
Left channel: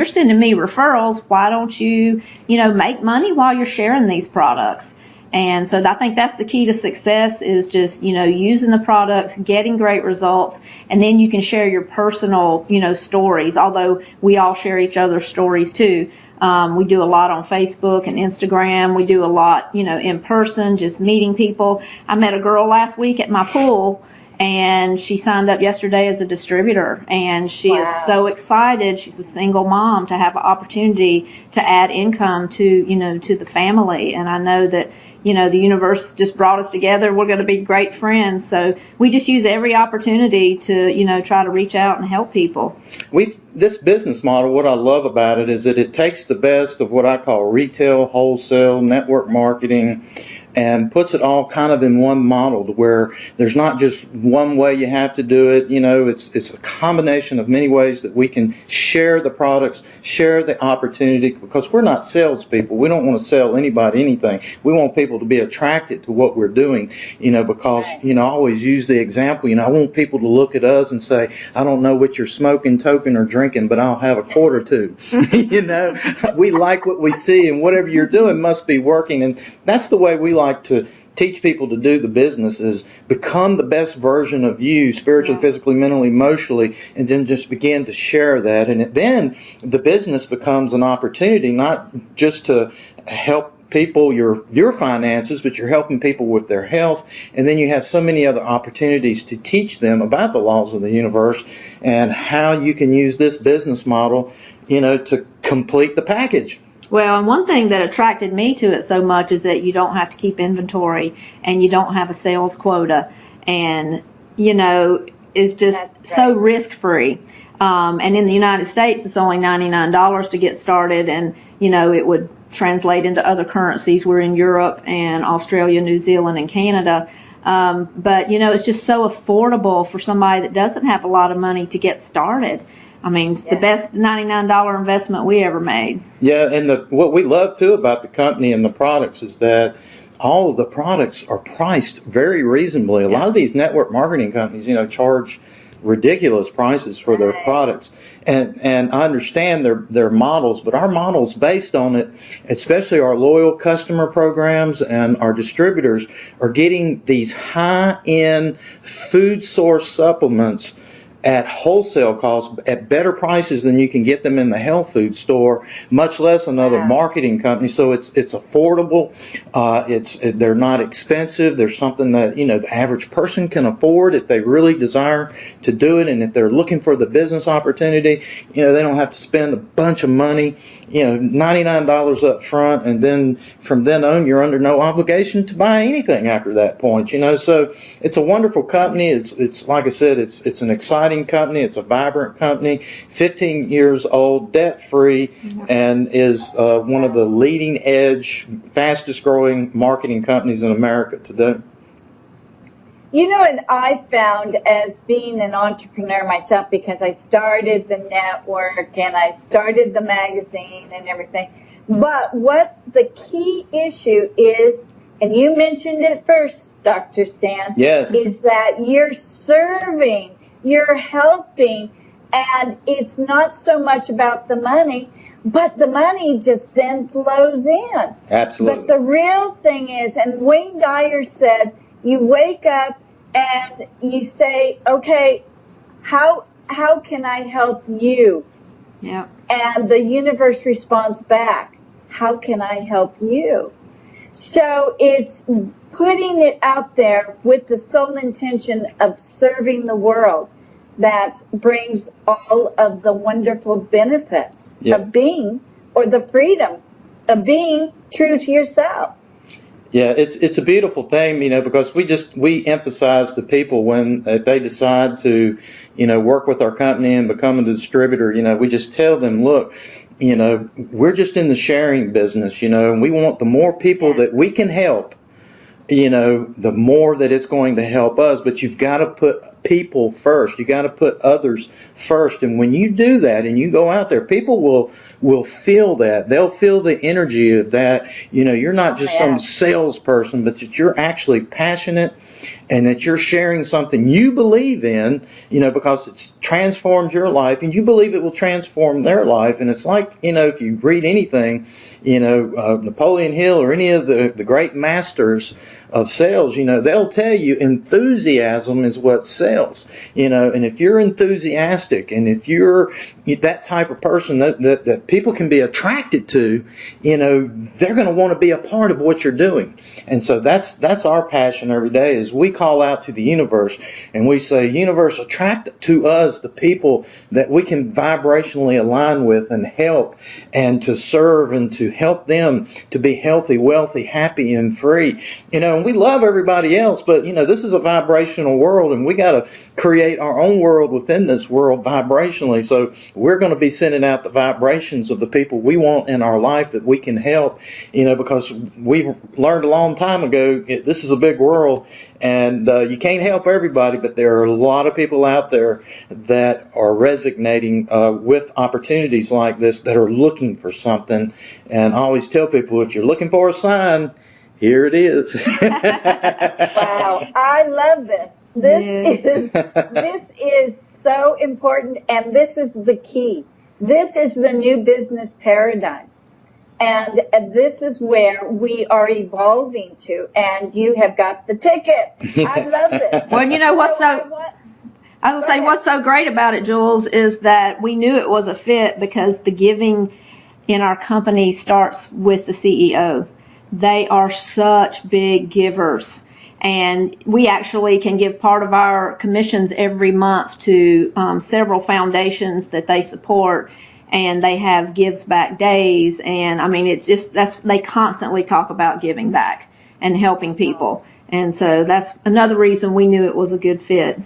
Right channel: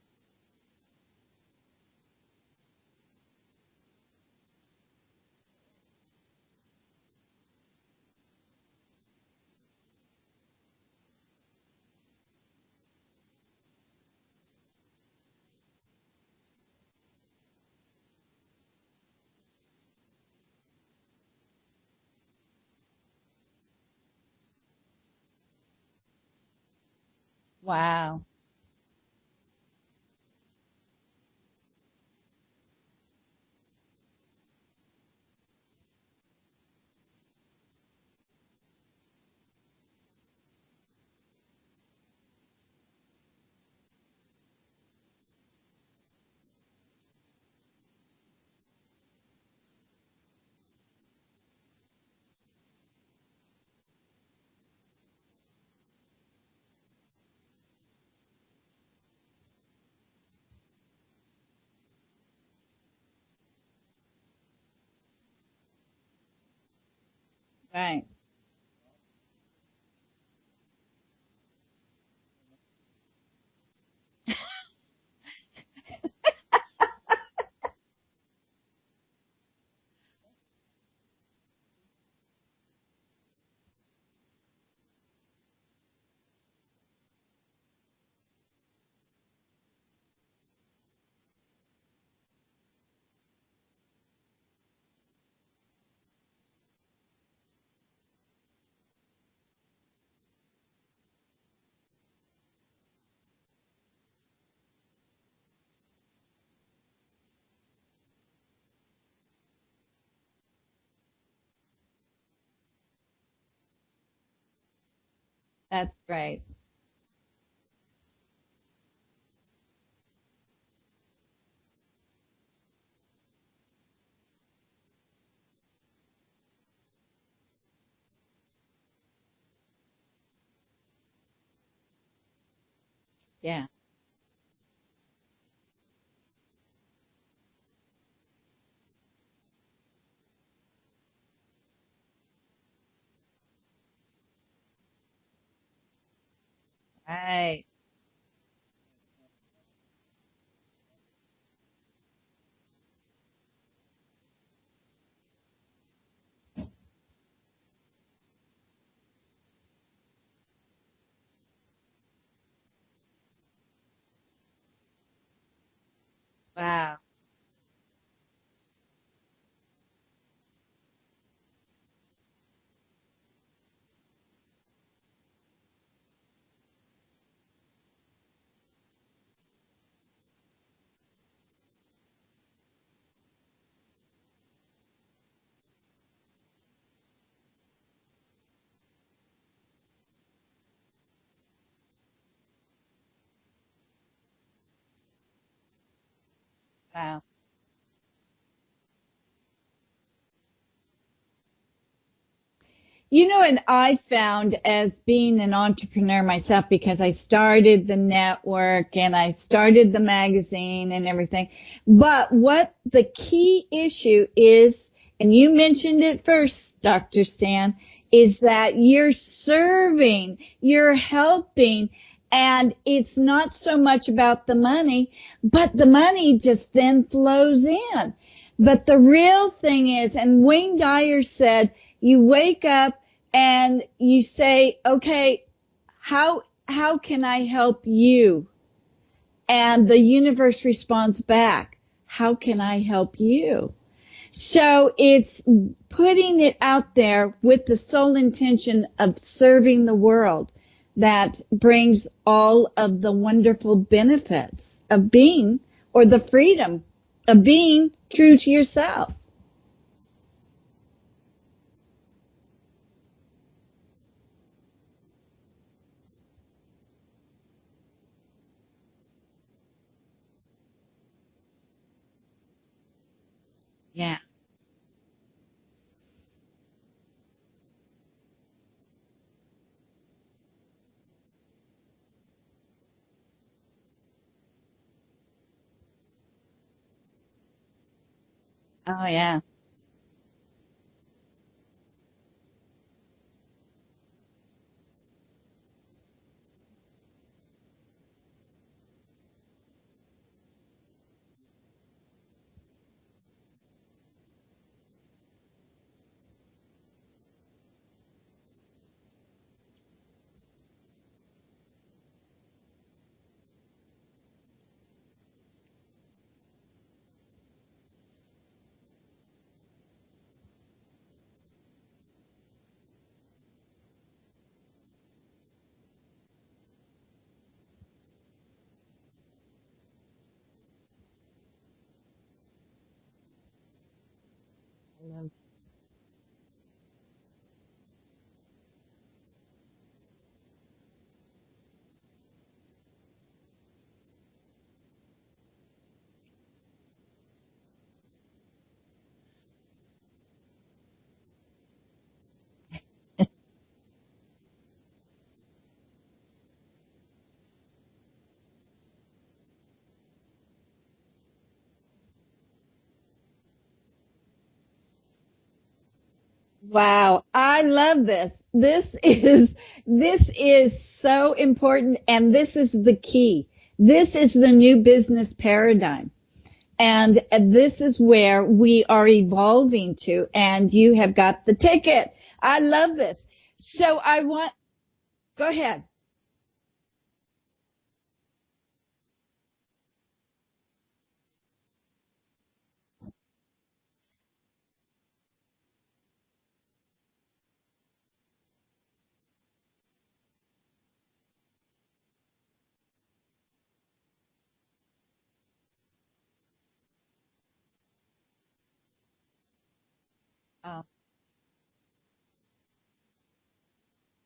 sending me referrals. Why don't you, make money while you're sharing these products? And so I think that's the key to success, is just, using the products, getting great results, and then you can share your personal, stories, although we all share each other's stories too. We do a lot on Facebook and Instagram. We do a lot, in person, just meeting people. I met a girl last week at my pool, and she signed up yesterday as a distributor, and she is so excited. She's a single mom to have an opportunity to add income to the family, and I know that the universe just brought us together. We're going to be great friends, so we just use every opportunity to try to reach out and help people. This business model, what I love about it is that it takes the best of what I call retail, wholesale, network marketing, and puts it all kind of in one model to where there's not just one way you have to do it. It's a combination of many ways that we can share the products, share the opportunity, because we're not salespeople. We don't want to sell anybody anything. We want people to be attracted to what we're doing, because, I always use the example, I want people to look at us and say, I don't know what you're smoking, toking, or drinking, but I'll have a quart or two. We like what we see, and whatever you're doing must be working. And that's the way we like to teach people to do the business, is become the best version of you, spiritually, physically, mentally, emotionally, and then just begin to share that. And then the business becomes an opportunity not just to help people your finances, but you're helping people with their health. And then you have so many other opportunities to teach them about the laws of the universe and how you can use this business model, to complete the package. Well, and one thing that attracted me to it so much is that you don't have to keep inventory and you don't have a sales quota, and it's just so risk-free. And in the United States, it's only $99 to get started, and it would translate into other currencies. We're in Europe and Australia, New Zealand, and Canada. But it's just so affordable for somebody that doesn't have a lot of money to get started. I mean, it's the best $99 investment we ever made. Yeah, and what we love, too, about the company and the products is that all of the products are priced very reasonably. A lot of these network marketing companies, charge ridiculous prices for their products. And I understand their models, but our models based on it, especially our loyal customer programs and our distributors, are getting these high-end food source supplements at wholesale costs at better prices than you can get them in the health food store, much less another marketing company. So it's affordable. They're not expensive. They're something that the average person can afford if they really desire to do it, and if they're looking for the business opportunity, they don't have to spend a bunch of money, $99 up front, and then from then on you're under no obligation to buy anything after that point. So it's a wonderful company. It's like I said, it's an exciting company. It's a vibrant company, 15 years old, debt-free, and is one of the leading edge, fastest growing marketing companies in America today. And I found, as being an entrepreneur myself, because I started the network and I started the magazine and everything, but what the key issue is, and you mentioned it first, Dr. Stan, is that you're serving, you're helping, and it's not so much about the money, but the money just then flows in. Absolutely. But the real thing is, and Wayne Dyer said, you wake up and you say, okay, how can I help you? Yeah. And the universe responds back, how can I help you? So it's putting it out there with the sole intention of serving the world that brings all of the wonderful benefits of being, or the freedom of being true to yourself. Yeah, it's a beautiful thing, because we emphasize to people when they decide to, work with our company and become a distributor, we just tell them, look, we're just in the sharing business, and we want the more people that we can help, the more that it's going to help us. But you've got to put people first. You got to put others first. And when you do that and you go out there, people will feel that. They'll feel the energy of that. You're not just some salesperson, but that you're actually passionate and that you're sharing something you believe in, because it's transformed your life and you believe it will transform their life. And it's like, if you read anything, Napoleon Hill or any of the great masters of sales, they'll tell you enthusiasm is what sells, and if you're enthusiastic and if you're that type of person that people can be attracted to, they're going to want to be a part of what you're doing. And so that's our passion every day, is we call out to the universe and we say, universe, attract to us the people that we can vibrationally align with and help and to serve and to help them to be healthy, wealthy, happy, and free. And we love everybody else, but, this is a vibrational world, and we got to create our own world within this world vibrationally. So we're going to be sending out the vibrations of the people we want in our life that we can help, because we've learned a long time ago, this is a big world, and you can't help everybody, but there are a lot of people out there that are resonating with opportunities like this, that are looking for something. And I always tell people, if you're looking for a sign, here it is. Wow, I love this. This is so important, and this is the key. This is the new business paradigm. And this is where we are evolving to, and you have got the ticket. I love this. Well, what's so great about it, Jules, is that we knew it was a fit because the giving in our company starts with the CEO. They are such big givers, and we actually can give part of our commissions every month to several foundations that they support. And they have gives back days, and I mean, it's just they constantly talk about giving back and helping people, and so that's another reason we knew it was a good fit.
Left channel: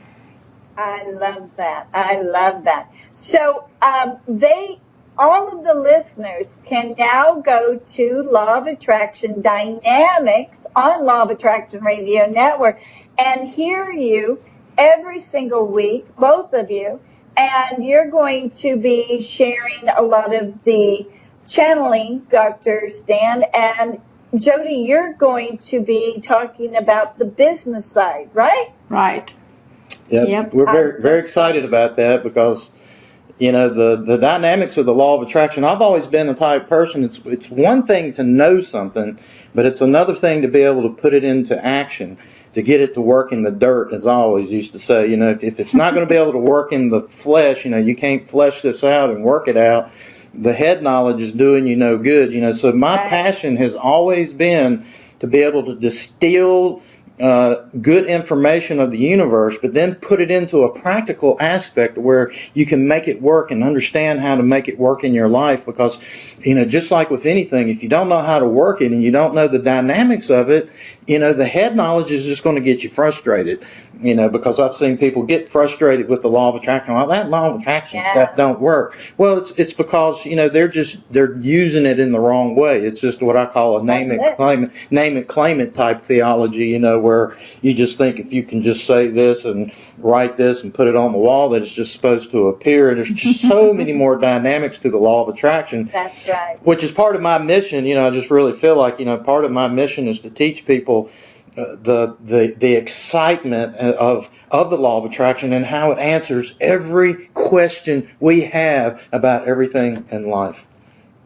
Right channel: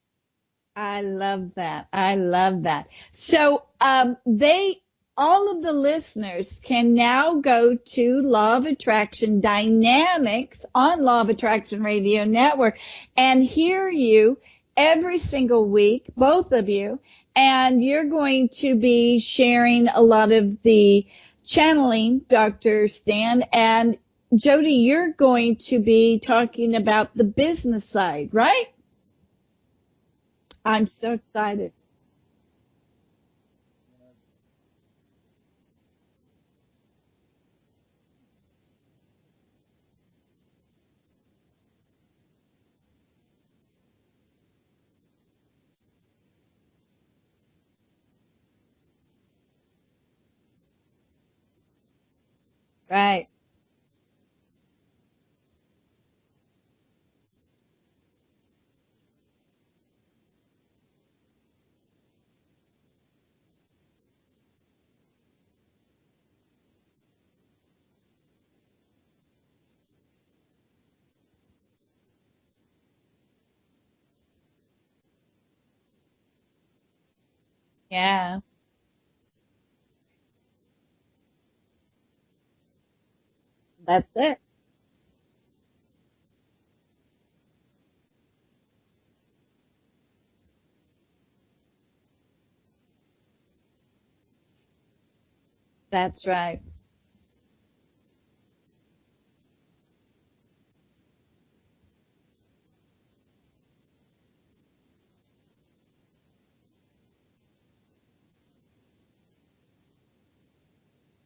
I love that. I love that. So all of the listeners can now go to Law of Attraction Dynamics on Law of Attraction Radio Network and hear you every single week, both of you. And you're going to be sharing a lot of the channeling, Dr. Stan. And Jody, you're going to be talking about the business side, right? Right. Yep. We're very excited about that because, the dynamics of the law of attraction. I've always been the type of person, it's one thing to know something, but it's another thing to be able to put it into action, to get it to work in the dirt, as I always used to say. If it's not going to be able to work in the flesh, you can't flesh this out and work it out. The head knowledge is doing you no good. So my passion has always been to be able to distill good information of the universe, but then put it into a practical aspect where you can make it work and understand how to make it work in your life. Because, just like with anything, if you don't know how to work it and you don't know the dynamics of it, the head knowledge is just going to get you frustrated. Because I've seen people get frustrated with the law of attraction. Well, that law of attraction stuff don't work. Well, it's because, they're using it in the wrong way. It's just what I call a name it, claim it type theology, where you just think if you can just say this and write this and put it on the wall that it's just supposed to appear. And there's just so many more dynamics to the law of attraction. That's right. Which is part of my mission. I just really feel like, part of my mission is to teach people the excitement of the law of attraction and how it answers every question we have about everything in life.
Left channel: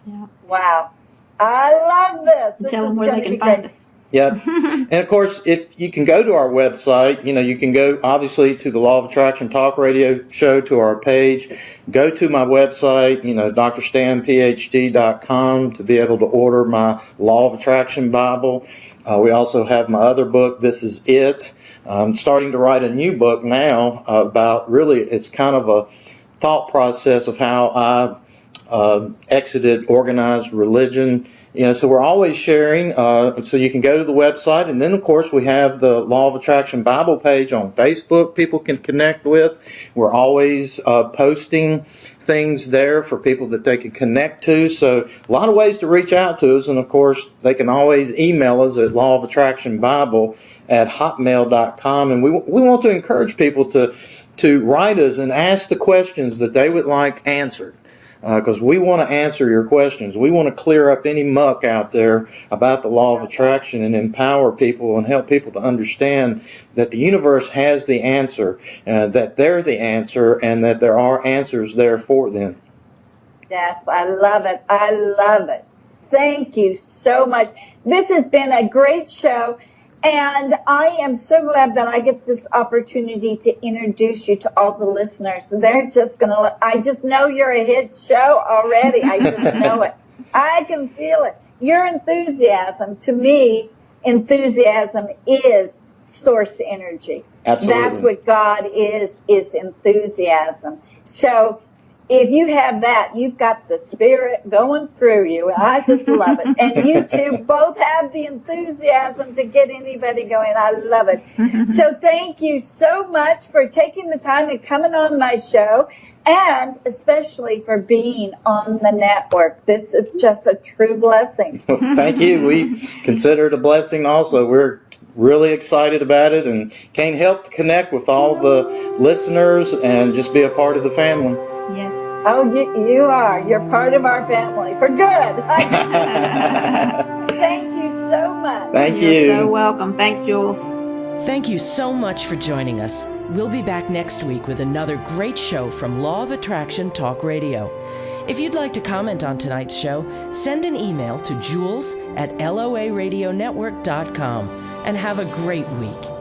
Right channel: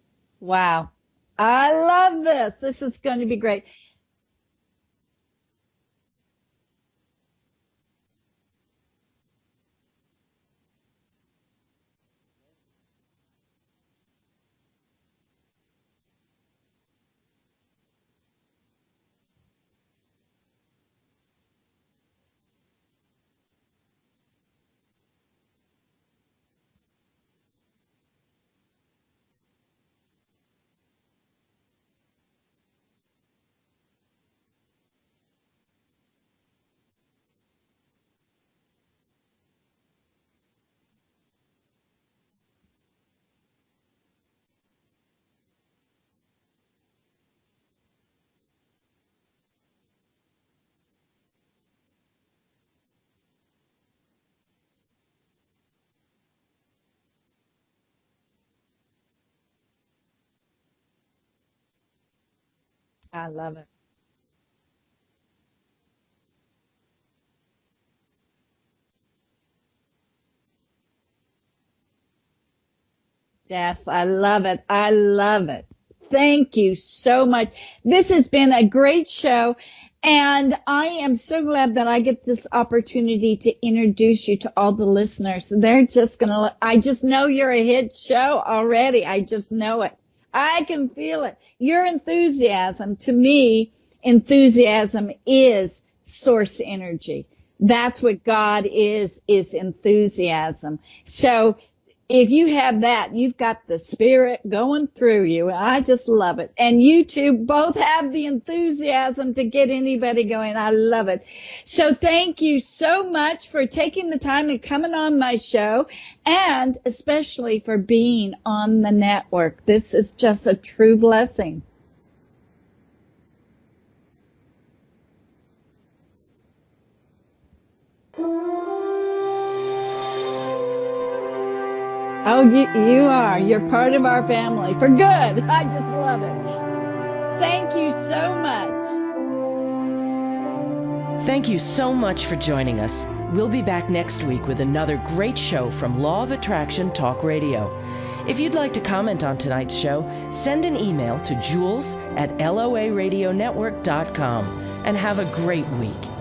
Yeah. Wow. I love this. This is going to be great. Yeah. And of course, if you can go to our website, you can go obviously to the Law of Attraction Talk Radio Show, to our page. Go to my website, drstanphd.com, to be able to order my Law of Attraction Bible. We also have my other book, This Is It. I'm starting to write a new book now about it's kind of a thought process of how I exited organized religion. So we're always sharing, so you can go to the website, and then of course we have the Law of Attraction Bible page on Facebook people can connect with. We're always posting things there for people that they can connect to. So a lot of ways to reach out to us, and of course they can always email us at lawofattractionbible@hotmail.com, and we want to encourage people to write us and ask the questions that they would like answered. Because we want to answer your questions. We want to clear up any muck out there about the law of attraction and empower people and help people to understand that the universe has the answer, that they're the answer, and that there are answers there for them. Yes, I love it. I love it. Thank you so much. This has been a great show. And I am so glad that I get this opportunity to introduce you to all the listeners. They're just I just know you're a hit show already. I just know it. I can feel it. Your enthusiasm, to me, enthusiasm is source energy. Absolutely. That's what God is enthusiasm. So if you have that, you've got the Spirit going through you. I just love it. And you two both have the enthusiasm to get anybody going. I love it. So thank you so much for taking the time and coming on my show, and especially for being on the network. This is just a true blessing. Well, thank you. We consider it a blessing also. We're really excited about it and can't help to connect with all the listeners and just be a part of the family. Yes. Oh, you are. You're part of our family for good. I just love it. Thank you so much. Thank You're you. so welcome. Thanks, Jules. Thank you so much for joining us. We'll be back next week with another great show from Law of Attraction Talk Radio. If you'd like to comment on tonight's show, send an email to jules@loaradionetwork.com and have a great week.